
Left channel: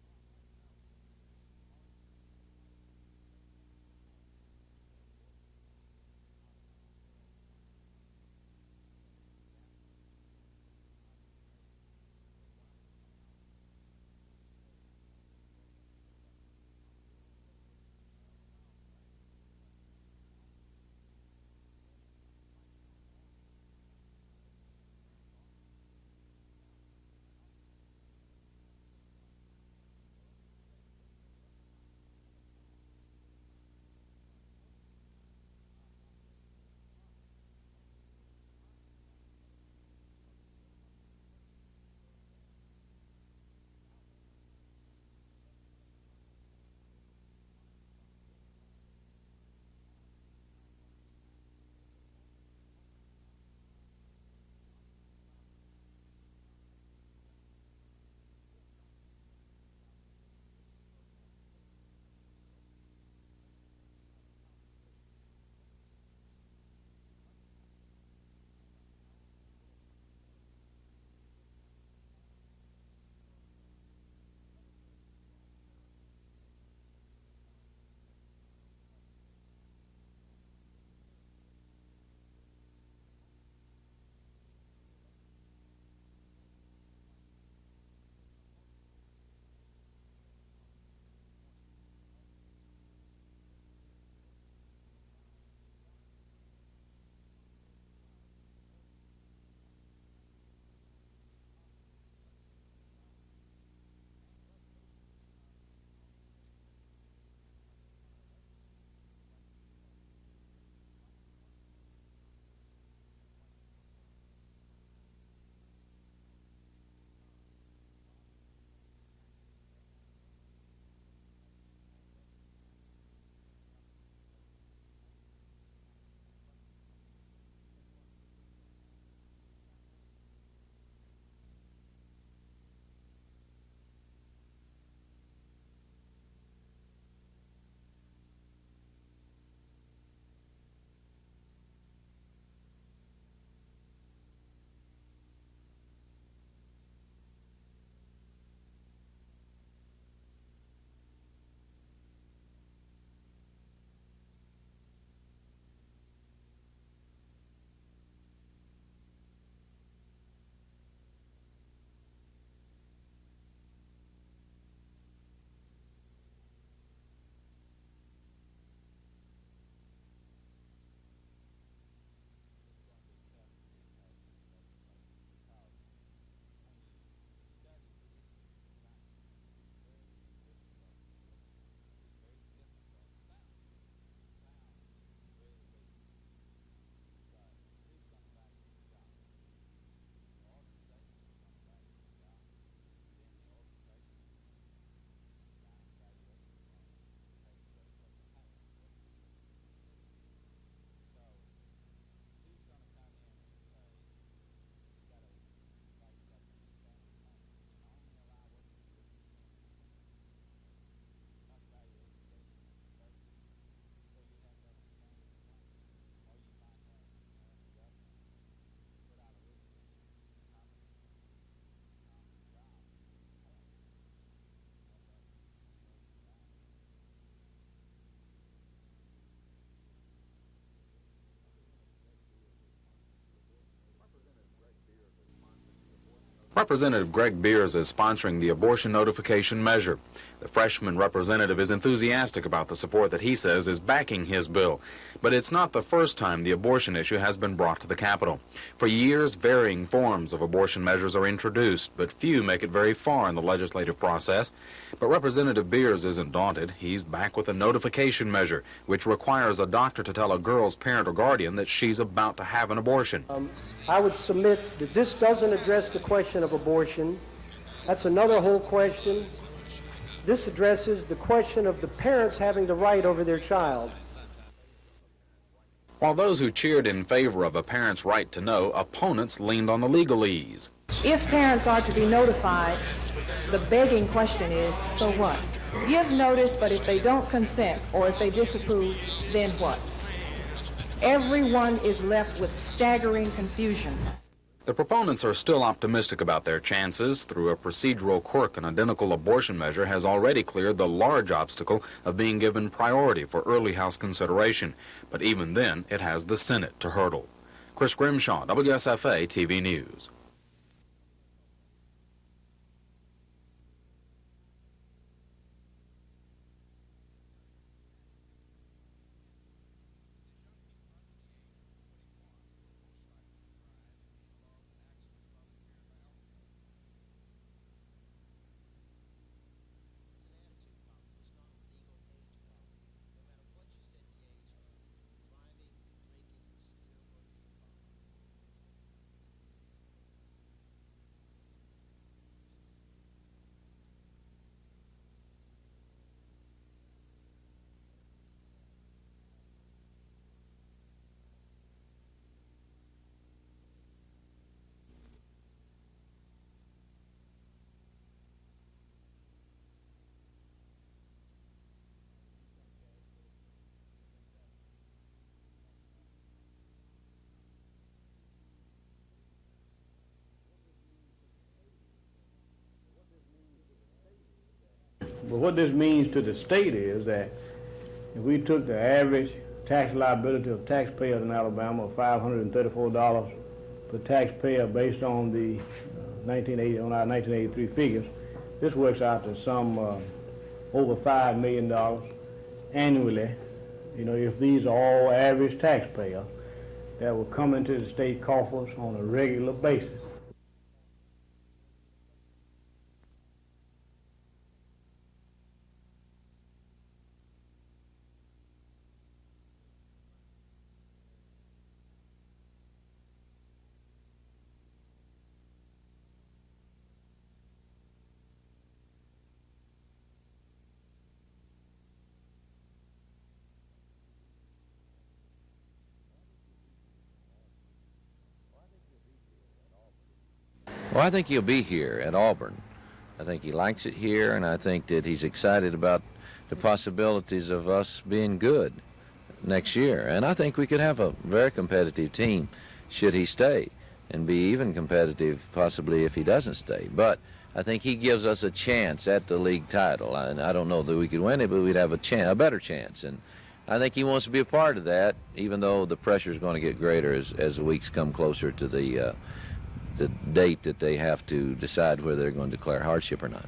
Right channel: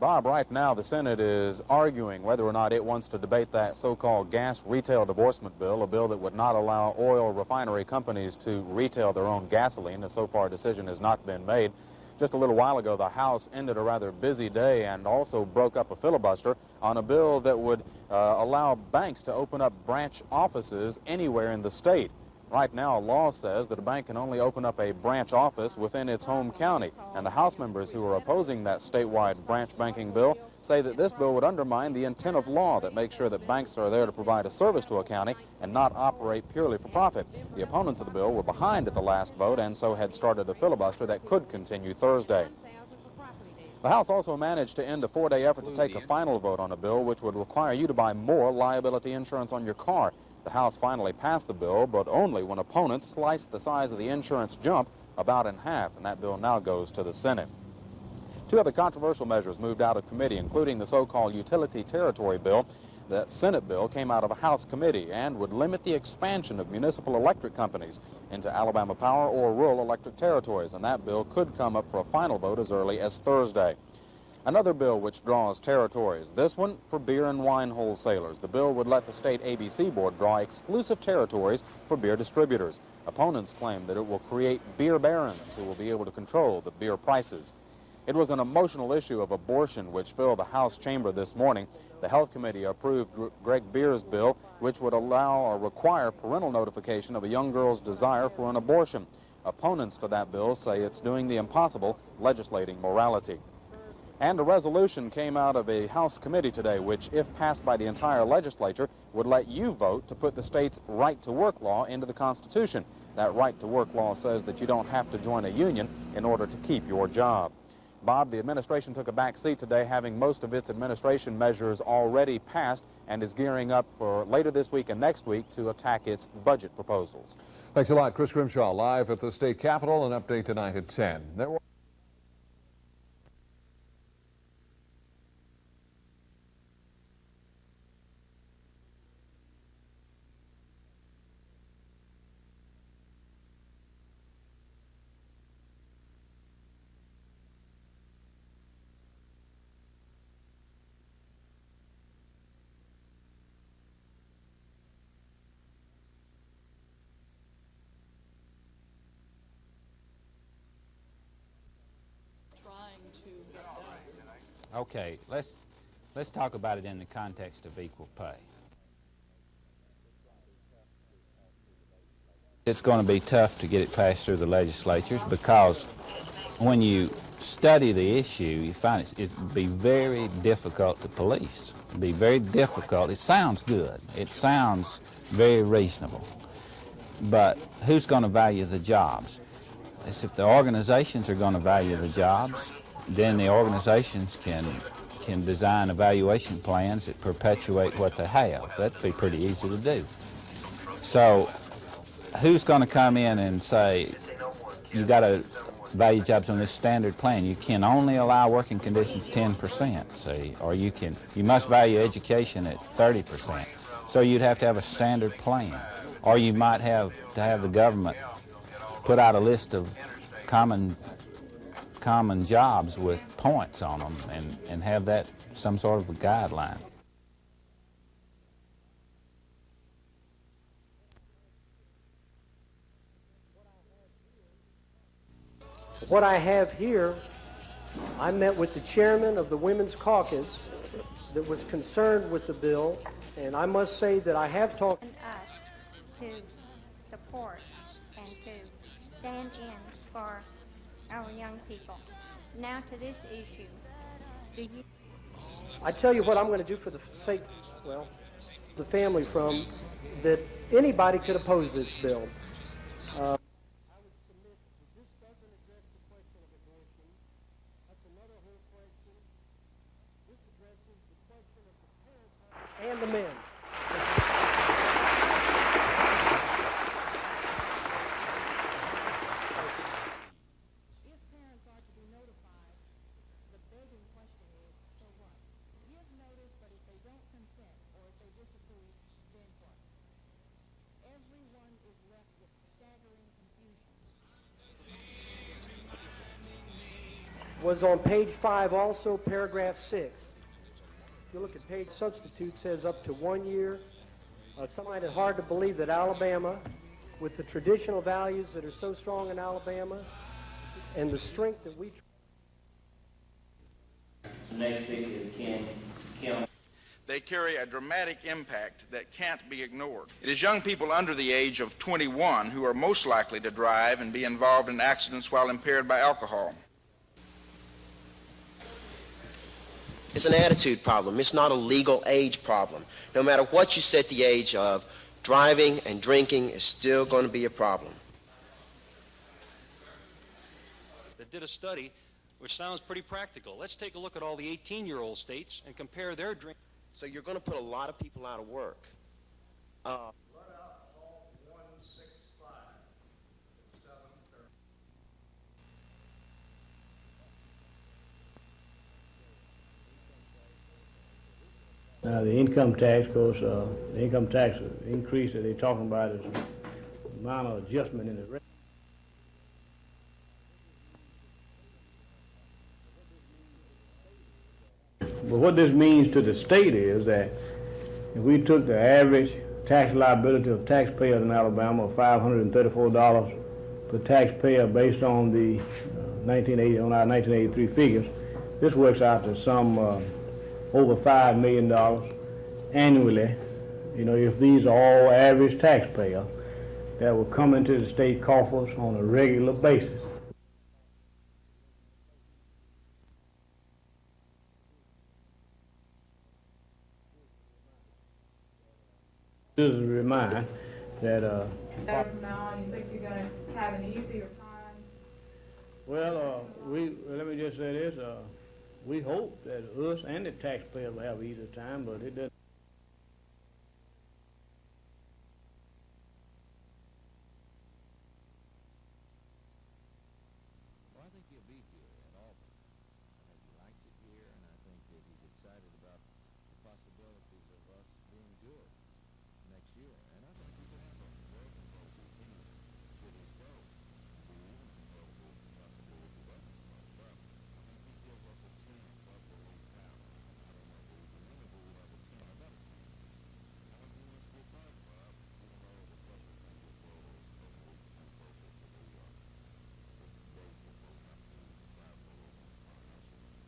Bob, right now the Senate is arguing whether or not it wants to debate that so-called gas retail divorcement bill, a bill that would not allow oil refinery companies to retail their own gasoline. So far a decision has not been made. Just a little while ago, the House ended a rather busy day and also broke up a filibuster on a bill that would allow banks to open up branch offices anywhere in the state. Right now, law says that a bank can only open up a branch office within its home county, and the House members who are opposing that statewide branch banking bill say that this bill would undermine the intent of law that makes sure that banks are there to provide a service to a county and not operate purely for profit. The opponents of the bill were behind at the last vote and so had started a filibuster that could continue Thursday. The House also managed to end a 4-day effort to take a final vote on a bill which would require you to buy more liability insurance on your car. The House finally passed the bill, but only when opponents sliced the size of the insurance jump about in half, and that bill now goes to the Senate. Two other controversial measures moved out of committee, including the so-called utility territory bill. The Senate bill came out of a House committee and would limit the expansion of municipal electric companies into Alabama Power or rural electric territories, and that bill could come up for a final vote as early as Thursday. Another bill which draws territories, this one for beer and wine wholesalers. The bill would let the state ABC board draw exclusive territories for beer distributors. Opponents claim that it will create beer barons who will be able to control the beer prices. It was an emotional issue of abortion which filled the House chamber this morning. The Health Committee approved Greg Beer's bill, which would allow or require parental notification of a young girl's desire for an abortion. Opponents to that bill say it's doing the impossible, legislating morality. And a resolution came out of a House committee today, which, if passed by the entire legislature, would let you vote to put the state's right-to-work law into the Constitution. That right-to-work law says that you don't have to join a union in order to keep your job. Bob, the administration took a back seat today, having most of its administration measures already passed, and is gearing up for later this week and next week to attack its budget proposals. Thanks a lot. Chris Grimshaw live at the state capitol. An update tonight at 10. Okay, let's talk about it in the context of equal pay. It's going to be tough to get it passed through the legislatures because when you study the issue, you find it'd be very difficult to police. It'd be very difficult. It sounds good. It sounds very reasonable. But who's going to value the jobs? It's if the organizations are going to value the jobs, then the organizations can design evaluation plans that perpetuate what they have. That'd be pretty easy to do. So who's going to come in and say, you got to value jobs on this standard plan? You can only allow working conditions 10%, see, or you must value education at 30%. So you'd have to have a standard plan. Or you might have to have the government put out a list of common jobs with points on them and have that some sort of a guideline. Representative Greg Beers is sponsoring the abortion notification measure. The freshman representative is enthusiastic about the support that he says is backing his bill. But it's not the first time the abortion issue has been brought to the Capitol. For years, varying forms of abortion measures are introduced, but few make it very far in the legislative process. But Representative Beers isn't daunted. He's back with a notification measure, which requires a doctor to tell a girl's parent or guardian that she's about to have an abortion. I would submit that this doesn't address the question of abortion. That's another whole question. This addresses the question of the parents having the right over their child. While those who cheered in favor of a parent's right to know, opponents leaned on the legalese. If parents are to be notified, the begging question is, so what? Give notice, but if they don't consent or if they disapprove, then what? Everyone is left with staggering confusion. The proponents are still optimistic about their chances through a procedural quirk. An identical abortion measure has already cleared the large obstacle of being given priority for early House consideration. But even then, it has the Senate to hurdle. Chris Grimshaw, WSFA TV News. And the strength that we... Next speaker is Kim. They carry a dramatic impact that can't be ignored. It is young people under the age of 21 who are most likely to drive and be involved in accidents while impaired by alcohol. It's an attitude problem. It's not a legal age problem. No matter what you set the age of, driving and drinking is still going to be a problem. That did a study which sounds pretty practical. Let's take a look at all the 18-year-old states and compare their drink. So you're going to put a lot of people out of work. Now, the income tax, of course, the income tax increase that they're talking about is a minor adjustment in the rate. But what this means to the state is that if we took the average tax liability of taxpayers in Alabama of $534 per taxpayer based on the on our 1983 figures, this works out to some over $5 million annually, you know, if these are all average taxpayers that will come into the state coffers on a regular basis. This is a reminder that now, you think you're going to have an easier time? well, let me just say this, we hope that us and the taxpayers will have an easier time, but it doesn't. Well, I think he'll be here at Auburn. I think he likes it here, and I think that he's excited about the possibilities of us being good next year. And I think we could have a very competitive team should he stay, and be even competitive possibly if he doesn't stay. But I think he gives us a chance at the league title. And I don't know that we could win it, but we'd have a better chance. And I think he wants to be a part of that, even though the pressure is going to get greater as the weeks come closer to the date that they have to decide whether they're going to declare hardship or not.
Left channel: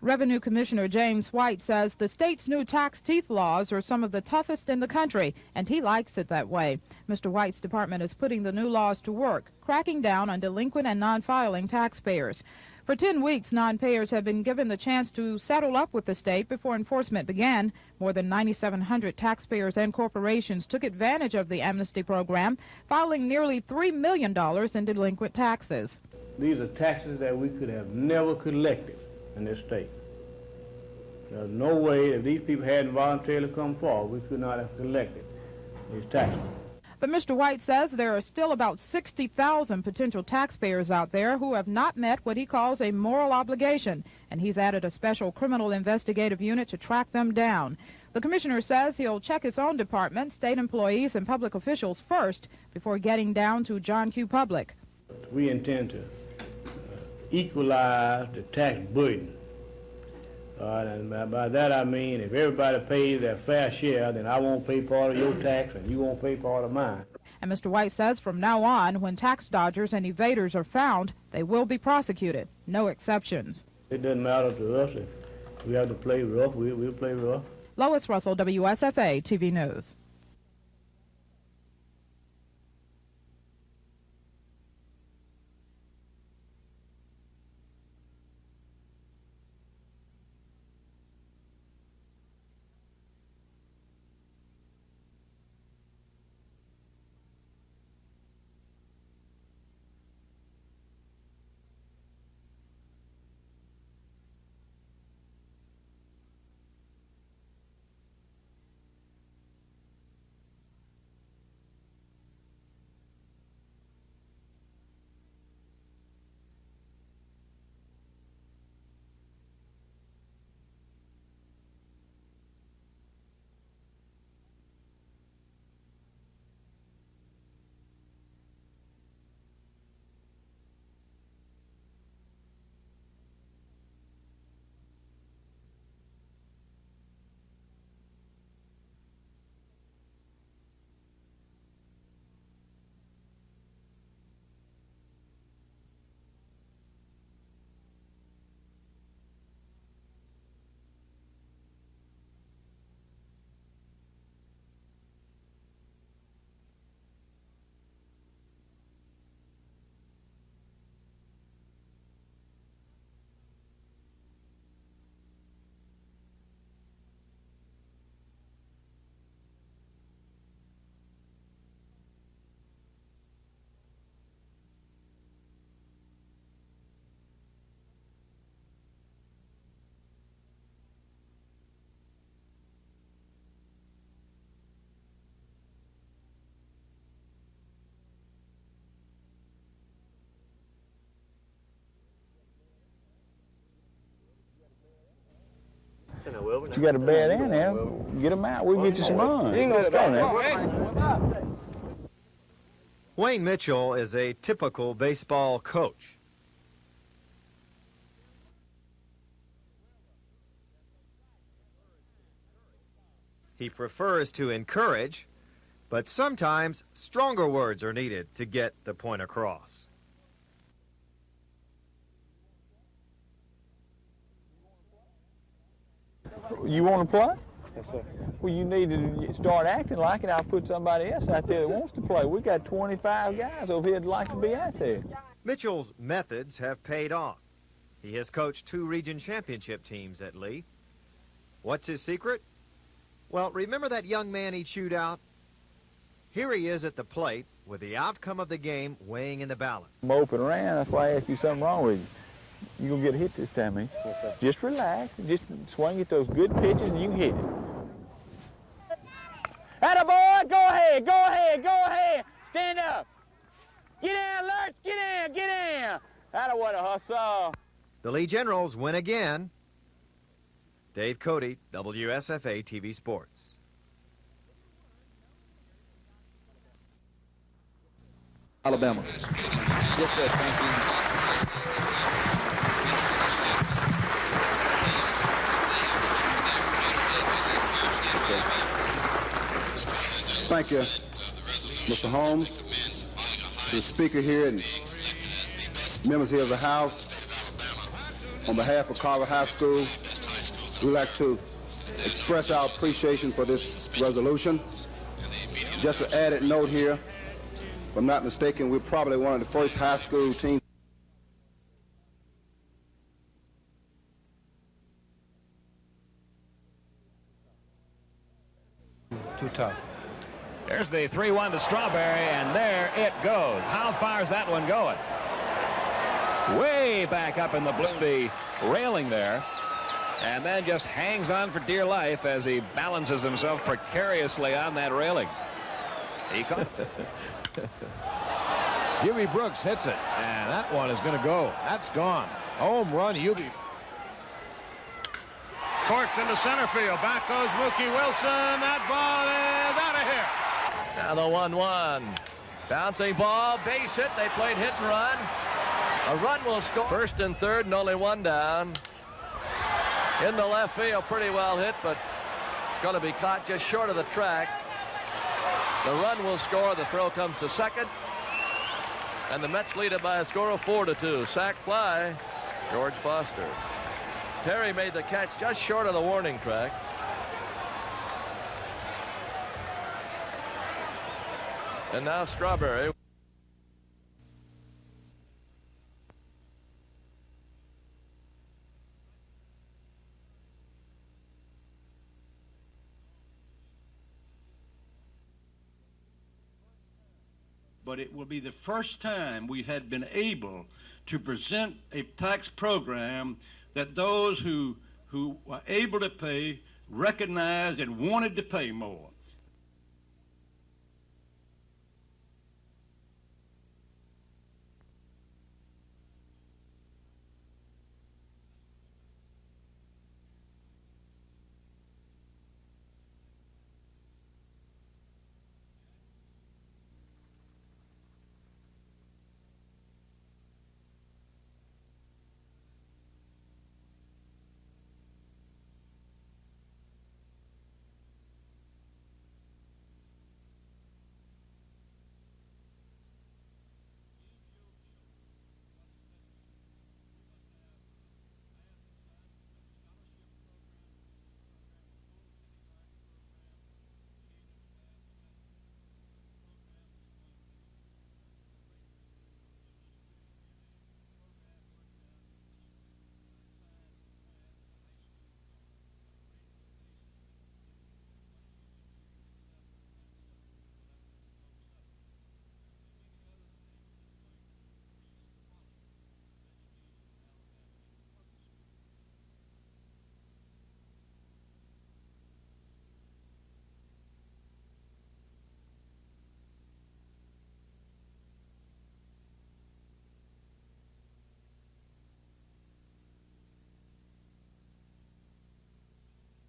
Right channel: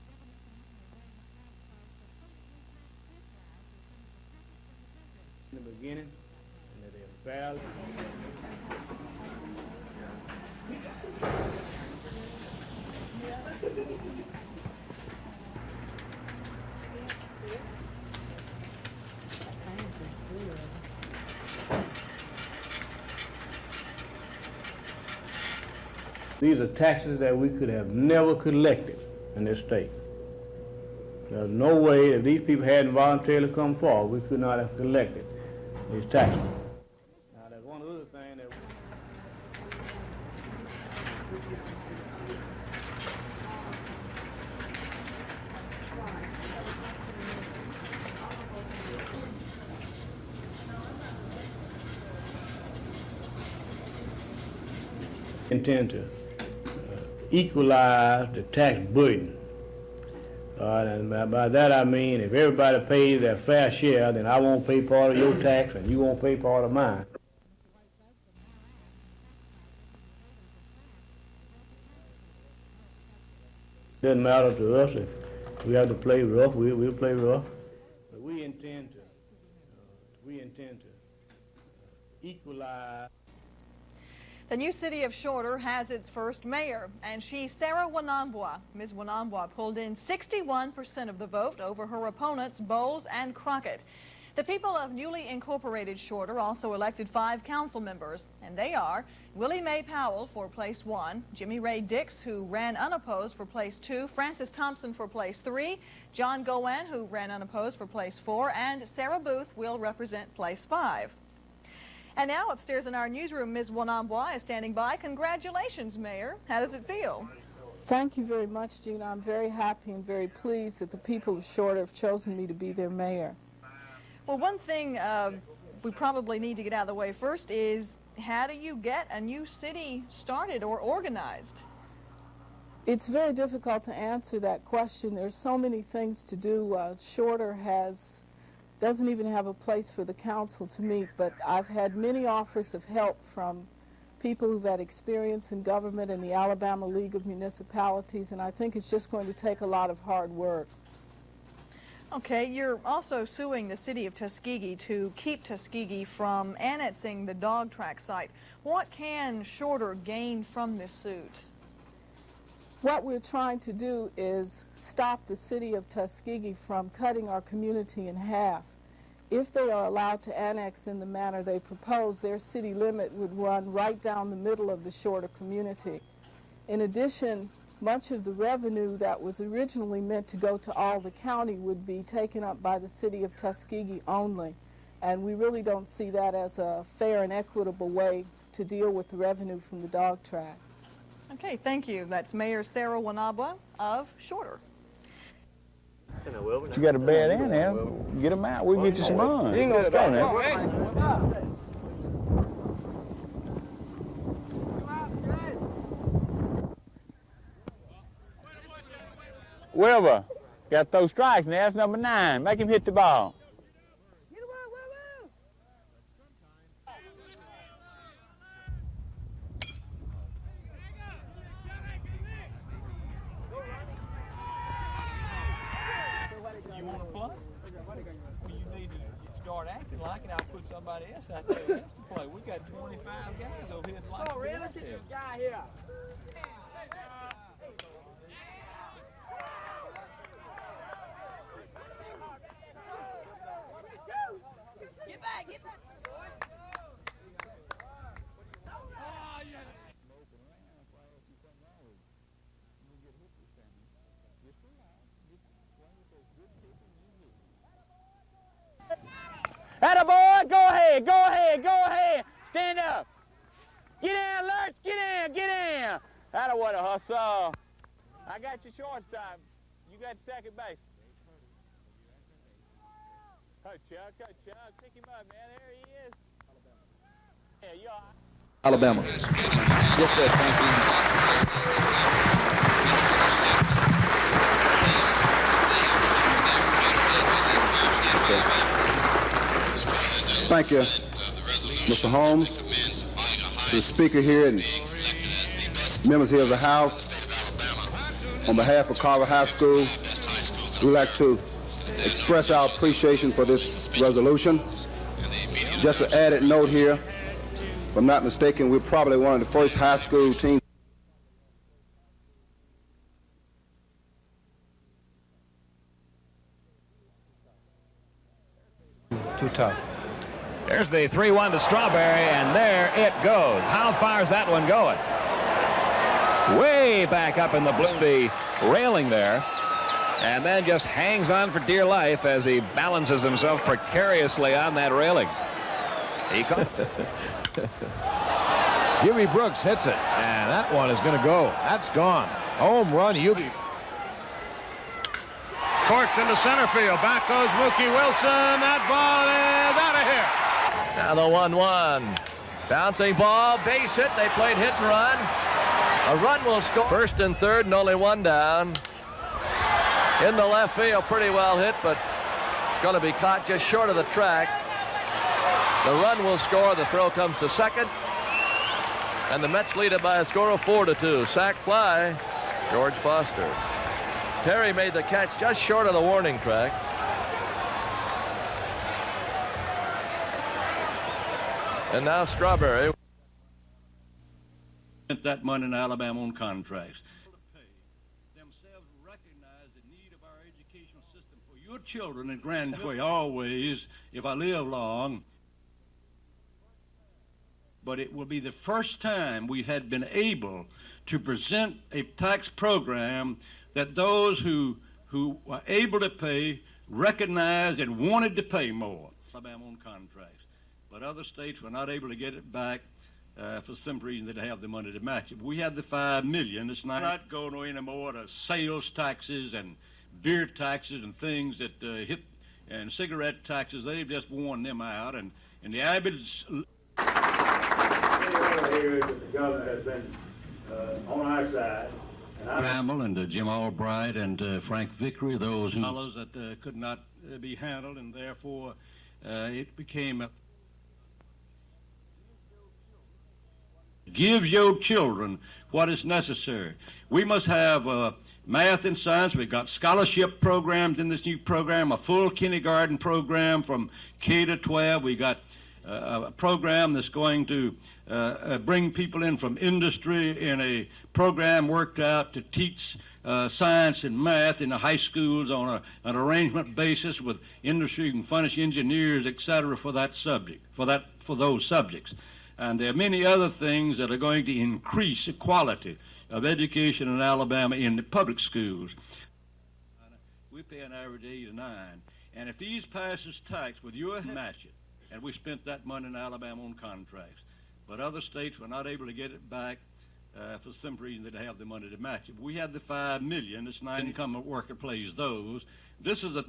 Revenue Commissioner James White says the state's new tax teeth laws are some of the toughest in the country, and he likes it that way. Mr. White's department is putting the new laws to work, cracking down on delinquent and non-filing taxpayers. For 10 weeks, non-payers have been given the chance to settle up with the state before enforcement began. More than 9,700 taxpayers and corporations took advantage of the amnesty program, filing nearly $3 million in delinquent taxes. These are taxes that we could have never collected in this state. There's no way if these people hadn't voluntarily come forward, we could not have collected these taxes. But Mr. White says there are still about 60,000 potential taxpayers out there who have not met what he calls a moral obligation, and he's added a special criminal investigative unit to track them down. The commissioner says he'll check his own department, state employees, and public officials first before getting down to John Q. Public. We intend to equalize the tax burden. And by that I mean if everybody pays their fair share, then I won't pay part of your tax and you won't pay part of mine. And Mr. White says from now on, when tax dodgers and evaders are found, they will be prosecuted. No exceptions. It doesn't matter to us if we have to play rough, we'll play rough. Lois Russell, WSFA TV News. We intend to equalize. The new city of Shorter has its first mayor, and she's Sarah Wanambwa. Ms. Wanambwa pulled in 61% of the vote over her opponents, Bowles and Crockett. The people of newly incorporated Shorter also elected 5 council members, and they are Willie Mae Powell for place 1, Jimmy Ray Dix, who ran unopposed for place 2, Francis Thompson for place 3, John Gowan, who ran unopposed for place 4, and Sarah Booth will represent place 5. And now upstairs in our newsroom, Ms. Wanambwa is standing by. Congratulations, Mayor. How does it feel? Thank you very much, Gina. I'm very happy and very pleased that the people of Shorter have chosen me to be their mayor. Well, one thing we probably need to get out of the way first is how do you get a new city started or organized? It's very difficult to answer that question. There's so many things to do. Shorter doesn't even have a place for the council to meet, but I've had many offers of help from people who've had experience in government in the Alabama League of Municipalities, and I think it's just going to take a lot of hard work. Okay, you're also suing the city of Tuskegee to keep Tuskegee from annexing the dog track site. What can Shorter gain from this suit? What we're trying to do is stop the city of Tuskegee from cutting our community in half. If they are allowed to annex in the manner they propose, their city limit would run right down the middle of the Shorter community. In addition, much of the revenue that was originally meant to go to all the county would be taken up by the city of Tuskegee only. And we really don't see that as a fair and equitable way to deal with the revenue from the dog track. Okay, thank you. That's Mayor Sarah Wanabwa of Shorter. You got a bad end there. Get them out. We'll get you some money. You ain't gonna start. Wayne Mitchell is a typical baseball coach. Wilbur, got to throw strikes now. That's number 9. Make him hit the ball. He prefers to encourage, but sometimes stronger words are needed to get the point across. You want to play? Yes, sir. Well, you need to start acting like it. I'll put somebody else out there that wants to play. We've got 25 guys over here that like to be out there. Mitchell's methods have paid off. He has coached 2 region championship teams at Lee. What's his secret? Well, remember that young man he chewed out? Here he is at the plate with the outcome of the game weighing in the balance. Moping around, that's why I asked you something wrong with you. You're going to get a hit this time, eh? Yes, sir. Just relax. Just swing at those good pitches and you can hit it. Attaboy! Go ahead! Go ahead! Go ahead! Stand up! Get down, Lurch! Get down! Get down! Attaboy, a hustle! The Lee Generals win again. You got second base. Dave Cody, WSFA TV Sports. Coach Chuck, pick him up, man. There he is. Yeah, you all right? Alabama. Yes, sir. Thank you, Mr. Holmes, to the speaker here and members here of the House. On behalf of Carver High School, we'd like to express our appreciation for this resolution. Just an added note here, if I'm not mistaken, we're probably one of the first high school teams. Too tough. There's the 3-1 to Strawberry, and there it goes. How far is that one going? Way back up in the blue, the railing there, and then just hangs on for dear life as he balances himself precariously on that railing. He Huey Brooks hits it, and that one is going to go. That's gone. Home run, Huey. Corked into center field. Back goes Mookie Wilson. That ball is out of here. Now the 1-1. Bouncing ball, base hit. They played hit and run. A run will score. First and third and only one down. In the left field, pretty well hit, but going to be caught just short of the track. The run will score. The throw comes to second. And the Mets lead it by a score of 4-2. Sac fly, George Foster. Perry made the catch just short of the warning track. And now Strawberry. That money in Alabama on contracts. Your children and grandchildren always, if I live long, but it will be the first time we had been able to present a tax program that those who were able to pay recognized and wanted to pay more. Alabama on contracts, but other states were not able to get it back for some reason they have the money to match it. We had the $5 million. It's not going anymore to sales taxes and beer taxes and things that hit, and cigarette taxes. They've just worn them out, and the Abbott's. Here the governor has been on our side. Campbell and Jim Albright and Frank Vickery, those fellows that could not be handled, and therefore it became gives your children what is necessary. We must have math and science. We've got scholarship programs in this new program, a full kindergarten program from K to 12. We got a program that's going to bring people in from industry in a program worked out to teach science and math in the high schools on an arrangement basis with industry and furnish engineers, etc., for that subject, for those subjects. And there are many other things that are going to increase the quality of education in Alabama in the public schools. We pay an average 8 to 9, and if these passes tax with your match it, and we spent that money in Alabama on contracts, but other states were not able to get it back for some reason. They didn't have the money to match it. We had the $5 million. It's not income worker plays those. This is a.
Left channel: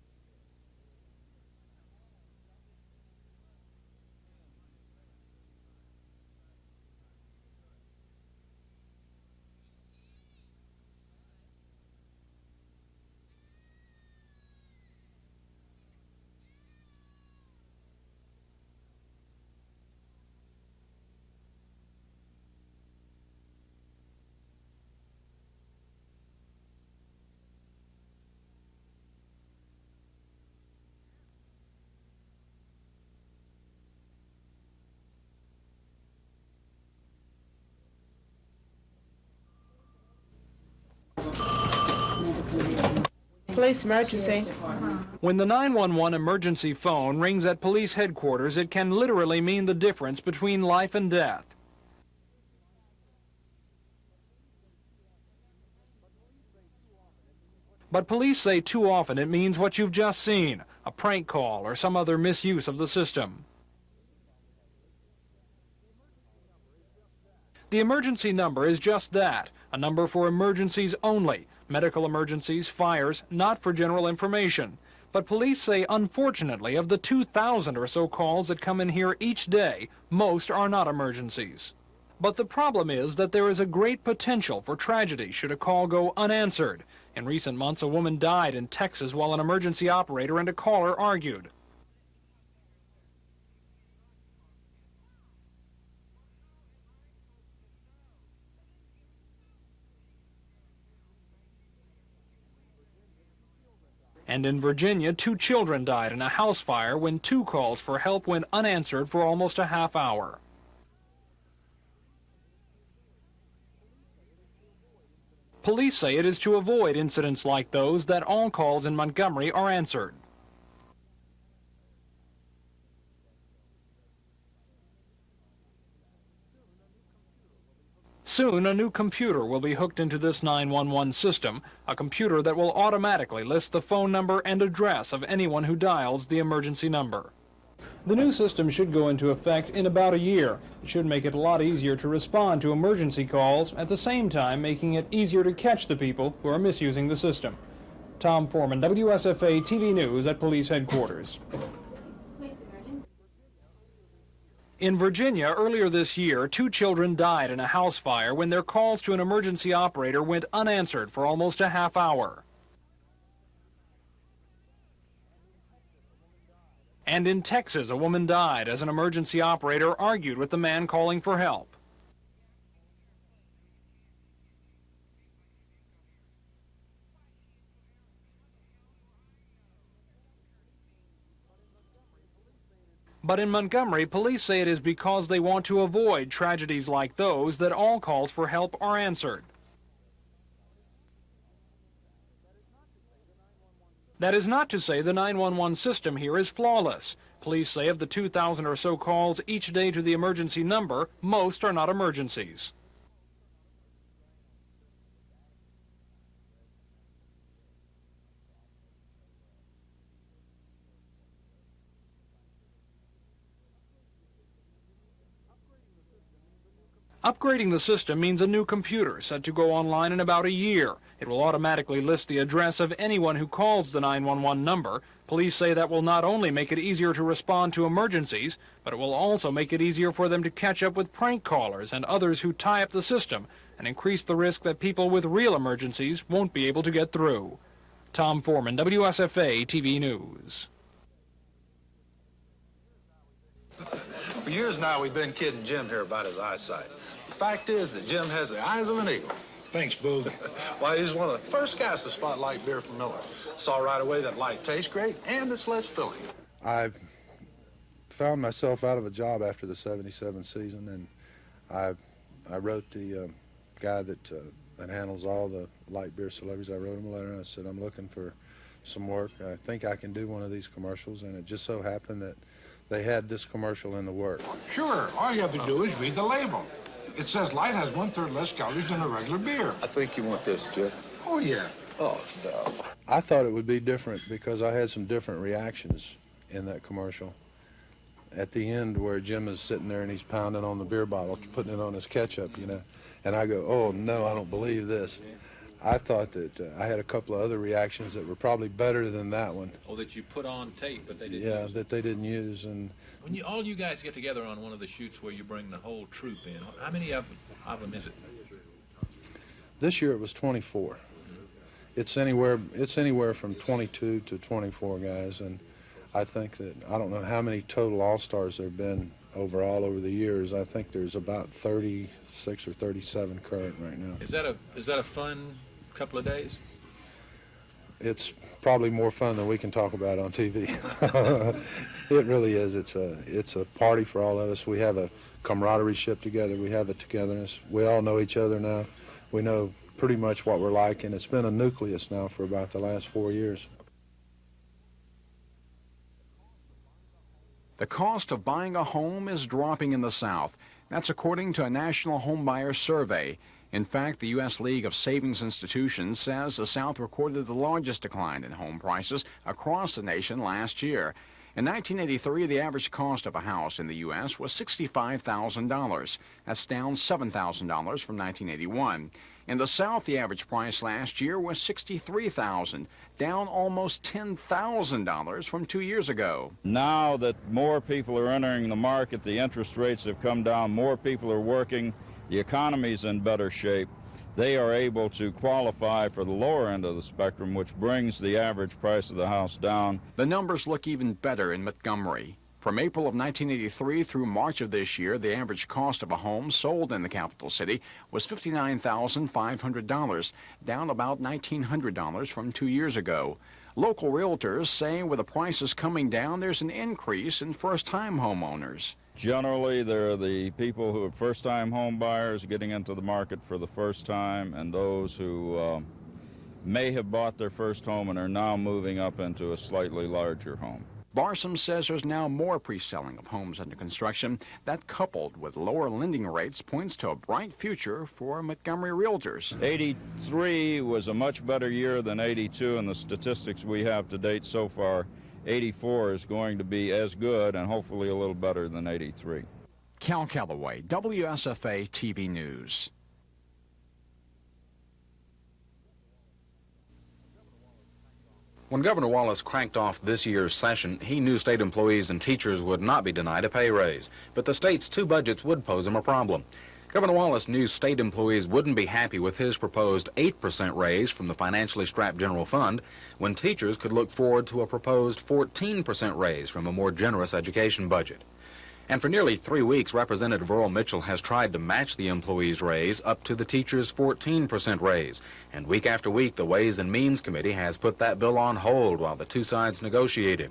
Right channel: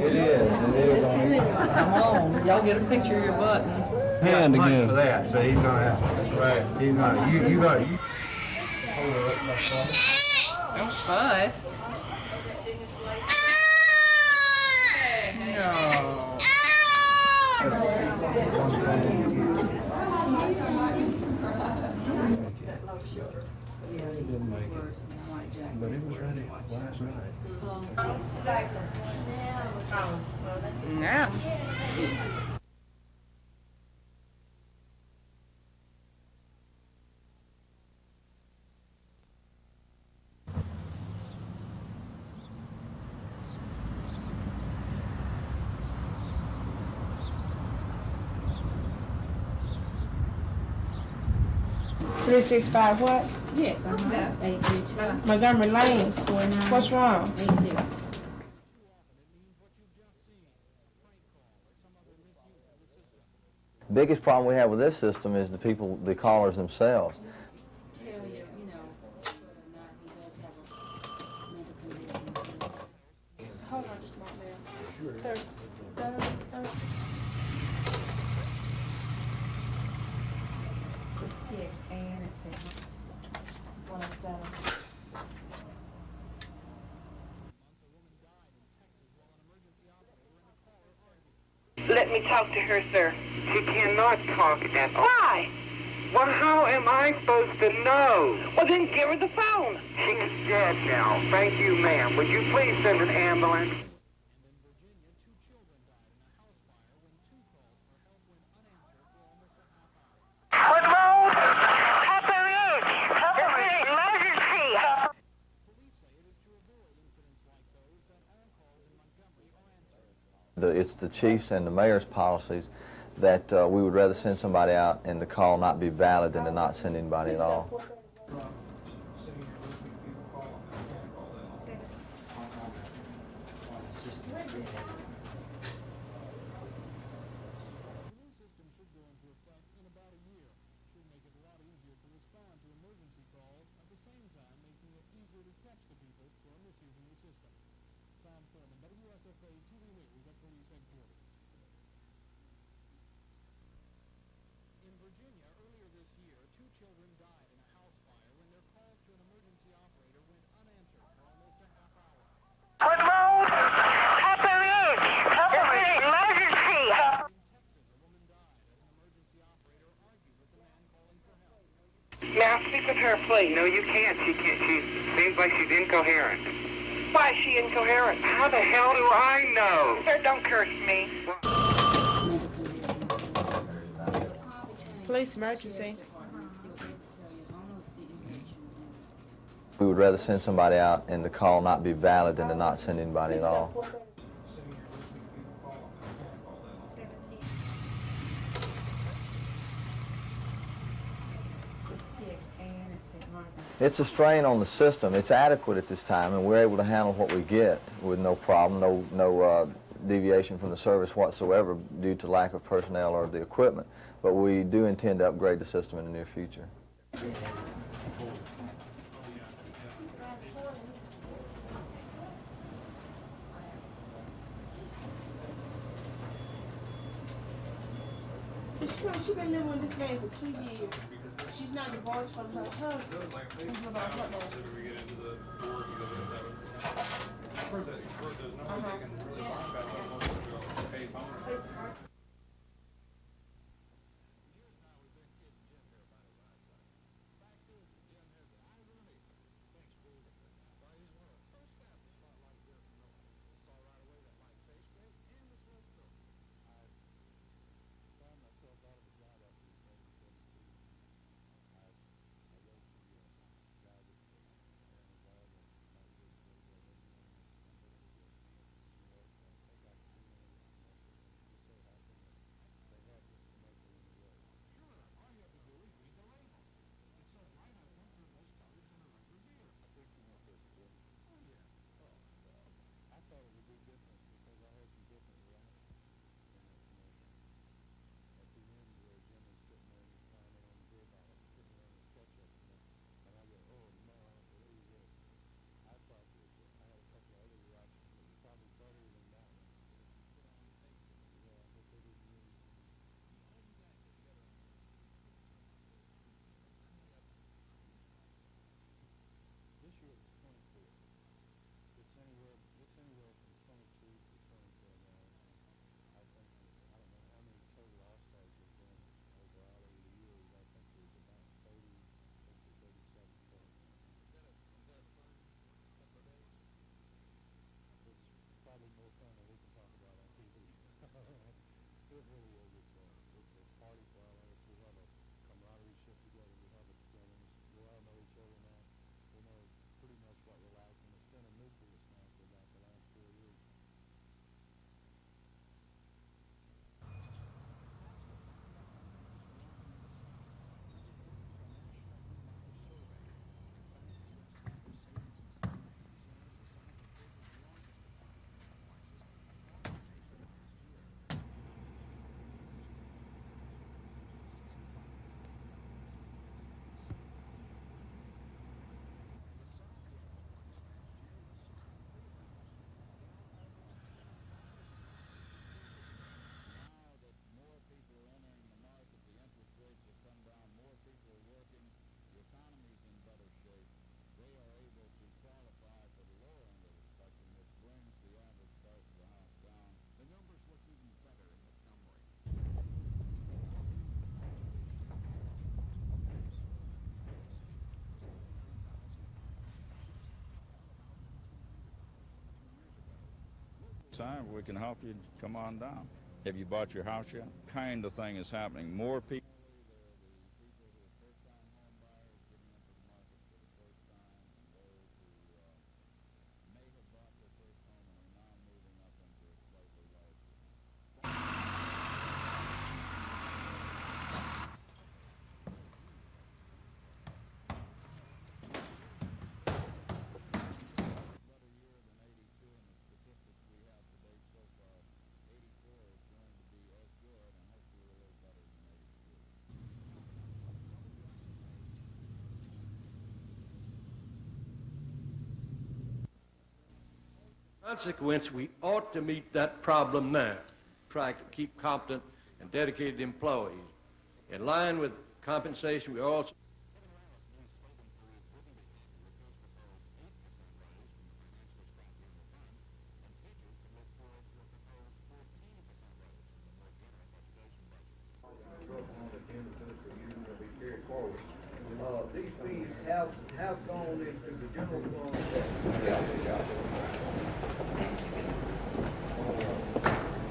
It is. Come on, y'all get a picture of your button. Hand Much again. for that, so he's gonna have. That's right. He's gonna. You gonna. Don't fuss. No. But it was ready last night. Yeah. Police emergency. When the 911 emergency phone rings at police headquarters, it can literally mean the difference between life and death. 365 what? Yes, 832. Montgomery Lanes. What's wrong? 80. But police say too often it means what you've just seen, a prank call or some other misuse of the system. Biggest problem we have with this system is the callers themselves. The emergency number is just that, a number for emergencies only. Medical emergencies, fires, not for general information. But police say, unfortunately, of the 2,000 or so calls that come in here each day, most are not emergencies. But the problem is that there is a great potential for tragedy should a call go unanswered. In recent months, a woman died in Texas while an emergency operator and a caller argued. Let me talk to her, sir. She cannot talk at all. Why? Well, how am I supposed to know? Well, then give her the phone. She's dead now. Thank you, ma'am. Would you please send an ambulance? And in Virginia, 2 children died in a house fire when 2 calls for help went unanswered for almost a half hour. Police say it is to avoid incidents like those that all calls in Montgomery are answered. It's the chief's and the mayor's policies that we would rather send somebody out and the call not be valid than to not send anybody at all. Soon, a new computer will be hooked into this 911 system, a computer that will automatically list the phone number and address of anyone who dials the emergency number. The new system should go into effect in about a year. It should make it a lot easier to respond to emergency calls, at the same time making it easier to catch the people who are misusing the system. Tom Foreman, WSFA TV News at Police Headquarters. In Virginia, earlier this year, 2 children died in a house fire when their calls to an emergency operator went unanswered for almost a half hour. And in Texas, a woman died as an emergency operator argued with the man calling for help. May I speak with her, please? No, you can't. She can't. She seems like she's incoherent. Why is she incoherent? How the hell do I know? Sir, don't curse me. But in Montgomery, police say it is because they want to avoid tragedies like those that all calls for help are answered. We would rather send somebody out and the call not be valid than to not send anybody at all. That is not to say the 911 system here is flawless. Police say of the 2,000 or so calls each day to the emergency number, most are not emergencies. It's a strain on the system. It's adequate at this time, and we're able to handle what we get with no problem, no deviation from the service whatsoever due to lack of personnel or the equipment. But we do intend to upgrade the system in the near future. Upgrading the system means a new computer set to go online in about a year. It will automatically list the address of anyone who calls the 911 number. Police say that will not only make it easier to respond to emergencies, but it will also make it easier for them to catch up with prank callers and others who tie up the system and increase the risk that people with real emergencies won't be able to get through. Tom Foreman, WSFA TV News. For years now, we've been kidding Jim here about his eyesight. The fact is that Jim has the eyes of an eagle. Thanks, Boog. Why, he's one of the first guys to spot light beer from Miller. Saw right away that light tastes great and it's less filling. I found myself out of a job after the '77 season, and I wrote the guy that handles all the light beer celebrities. I wrote him a letter and I said, I'm looking for some work. I think I can do one of these commercials, and it just so happened that they had this commercial in the work. Sure, all you have to do is read the label. It says light has 1/3 less calories than a regular beer. I think you want this, Jeff. Oh, yeah. Oh, no. I thought it would be different because I had some different reactions in that commercial. At the end where Jim is sitting there and he's pounding on the beer bottle, putting it on his ketchup, you know, and I go, oh, no, I don't believe this. I thought that I had a couple of other reactions that were probably better than that one. Oh, that you put on tape, but they didn't Yeah, use. that they didn't use. And When all you guys get together on one of the shoots where you bring the whole troop in, how many of them is it? this year it was 24. It's anywhere from 22 to 24 guys, and I think that, I don't know how many total All-Stars there have been overall over the years. I think there's about 36 or 37 current right now. Is that a fun couple of days? It's probably more fun than we can talk about on TV. It really is. It's a party for all of us. We have a camaraderie ship together. We have a togetherness. We all know each other now. We know pretty much what we're like, and it's been a nucleus now for about the last 4 years. The cost of buying a home is dropping in the South. That's according to a national homebuyer survey. In fact, the U.S. League of Savings Institutions says the South recorded the largest decline in home prices across the nation last year. In 1983, the average cost of a house in the U.S. was $65,000. That's down $7,000 from 1981. In the South, the average price last year was $63,000, down almost $10,000 from 2 years ago. Now that more people are entering the market, the interest rates have come down, more people are working, the economy's in better shape, they are able to qualify for the lower end of the spectrum, which brings the average price of the house down. The numbers look even better in Montgomery. From April of 1983 through March of this year, the average cost of a home sold in the capital city was $59,500, down about $1,900 from 2 years ago. Local realtors say with the prices coming down, there's an increase in first-time homeowners. Generally, they're the people who are first-time home buyers getting into the market for the first time, and those who may have bought their first home and are now moving up into a slightly larger home. Barsom says there's now more pre-selling of homes under construction. That, coupled with lower lending rates, points to a bright future for Montgomery realtors. 83 was a much better year than 82, and the statistics we have to date so far, 84 is going to be as good and hopefully a little better than 83. Cal Calloway, WSFA TV News. When Governor Wallace cranked off this year's session, he knew state employees and teachers would not be denied a pay raise, but the state's two budgets would pose him a problem. Governor Wallace knew state employees wouldn't be happy with his proposed 8% raise from the financially strapped general fund, when teachers could look forward to a proposed 14% raise from a more generous education budget. And for nearly 3 weeks, Representative Earl Mitchell has tried to match the employees' raise up to the teachers' 14% raise. And week after week, the Ways and Means Committee has put that bill on hold while the two sides negotiated.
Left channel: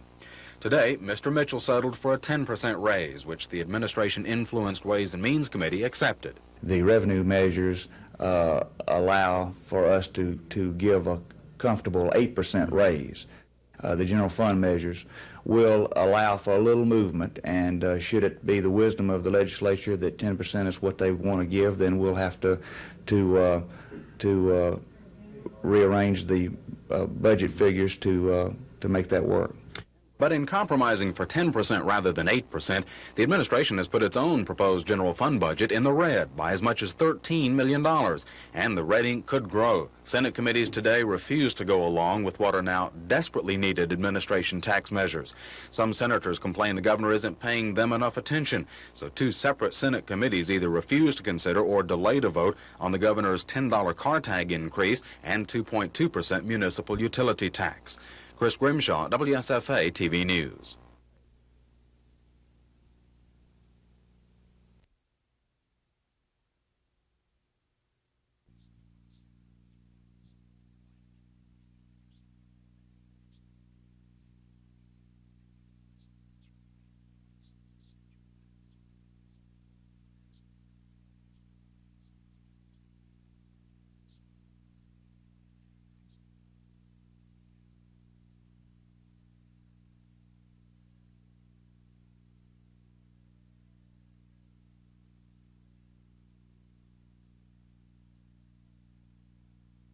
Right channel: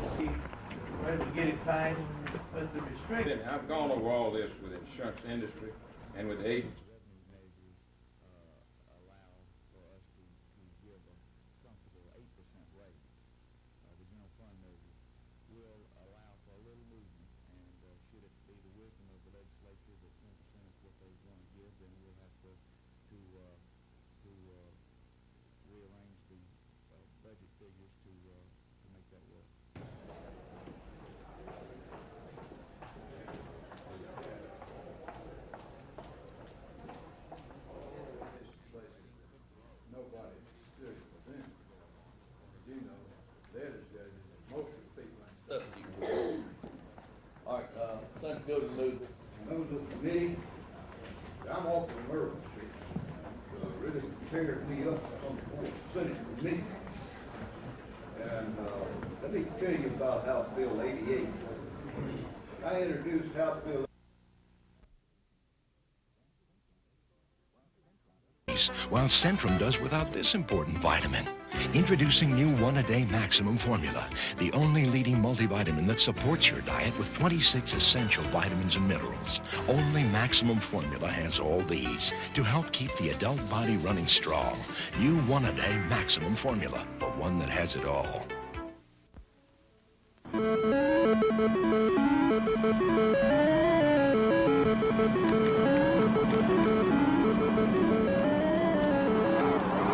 Today, Mr. Mitchell settled for a 10% raise, which the administration-influenced Ways and Means Committee accepted. The revenue measures allow for us to give a comfortable 8% raise. The general fund measures will allow for a little movement, and should it be the wisdom of the legislature that 10% is what they want to give, then we'll have to rearrange the budget figures to make that work. But in compromising for 10% rather than 8%, the administration has put its own proposed general fund budget in the red by as much as $13 million, and the red ink could grow. Senate committees today refuse to go along with what are now desperately needed administration tax measures. Some senators complain the governor isn't paying them enough attention, so two separate Senate committees either refuse to consider or delay to vote on the governor's $10 car tag increase and 2.2% municipal utility tax. Chris Grimshaw, WSFA TV News. while Centrum does without this important vitamin. Introducing new One-A-Day Maximum Formula, the only leading multivitamin that supports your diet with 26 essential vitamins and minerals. Only Maximum Formula has all these to help keep the adult body running strong. New One-A-Day Maximum Formula, the one that has it all.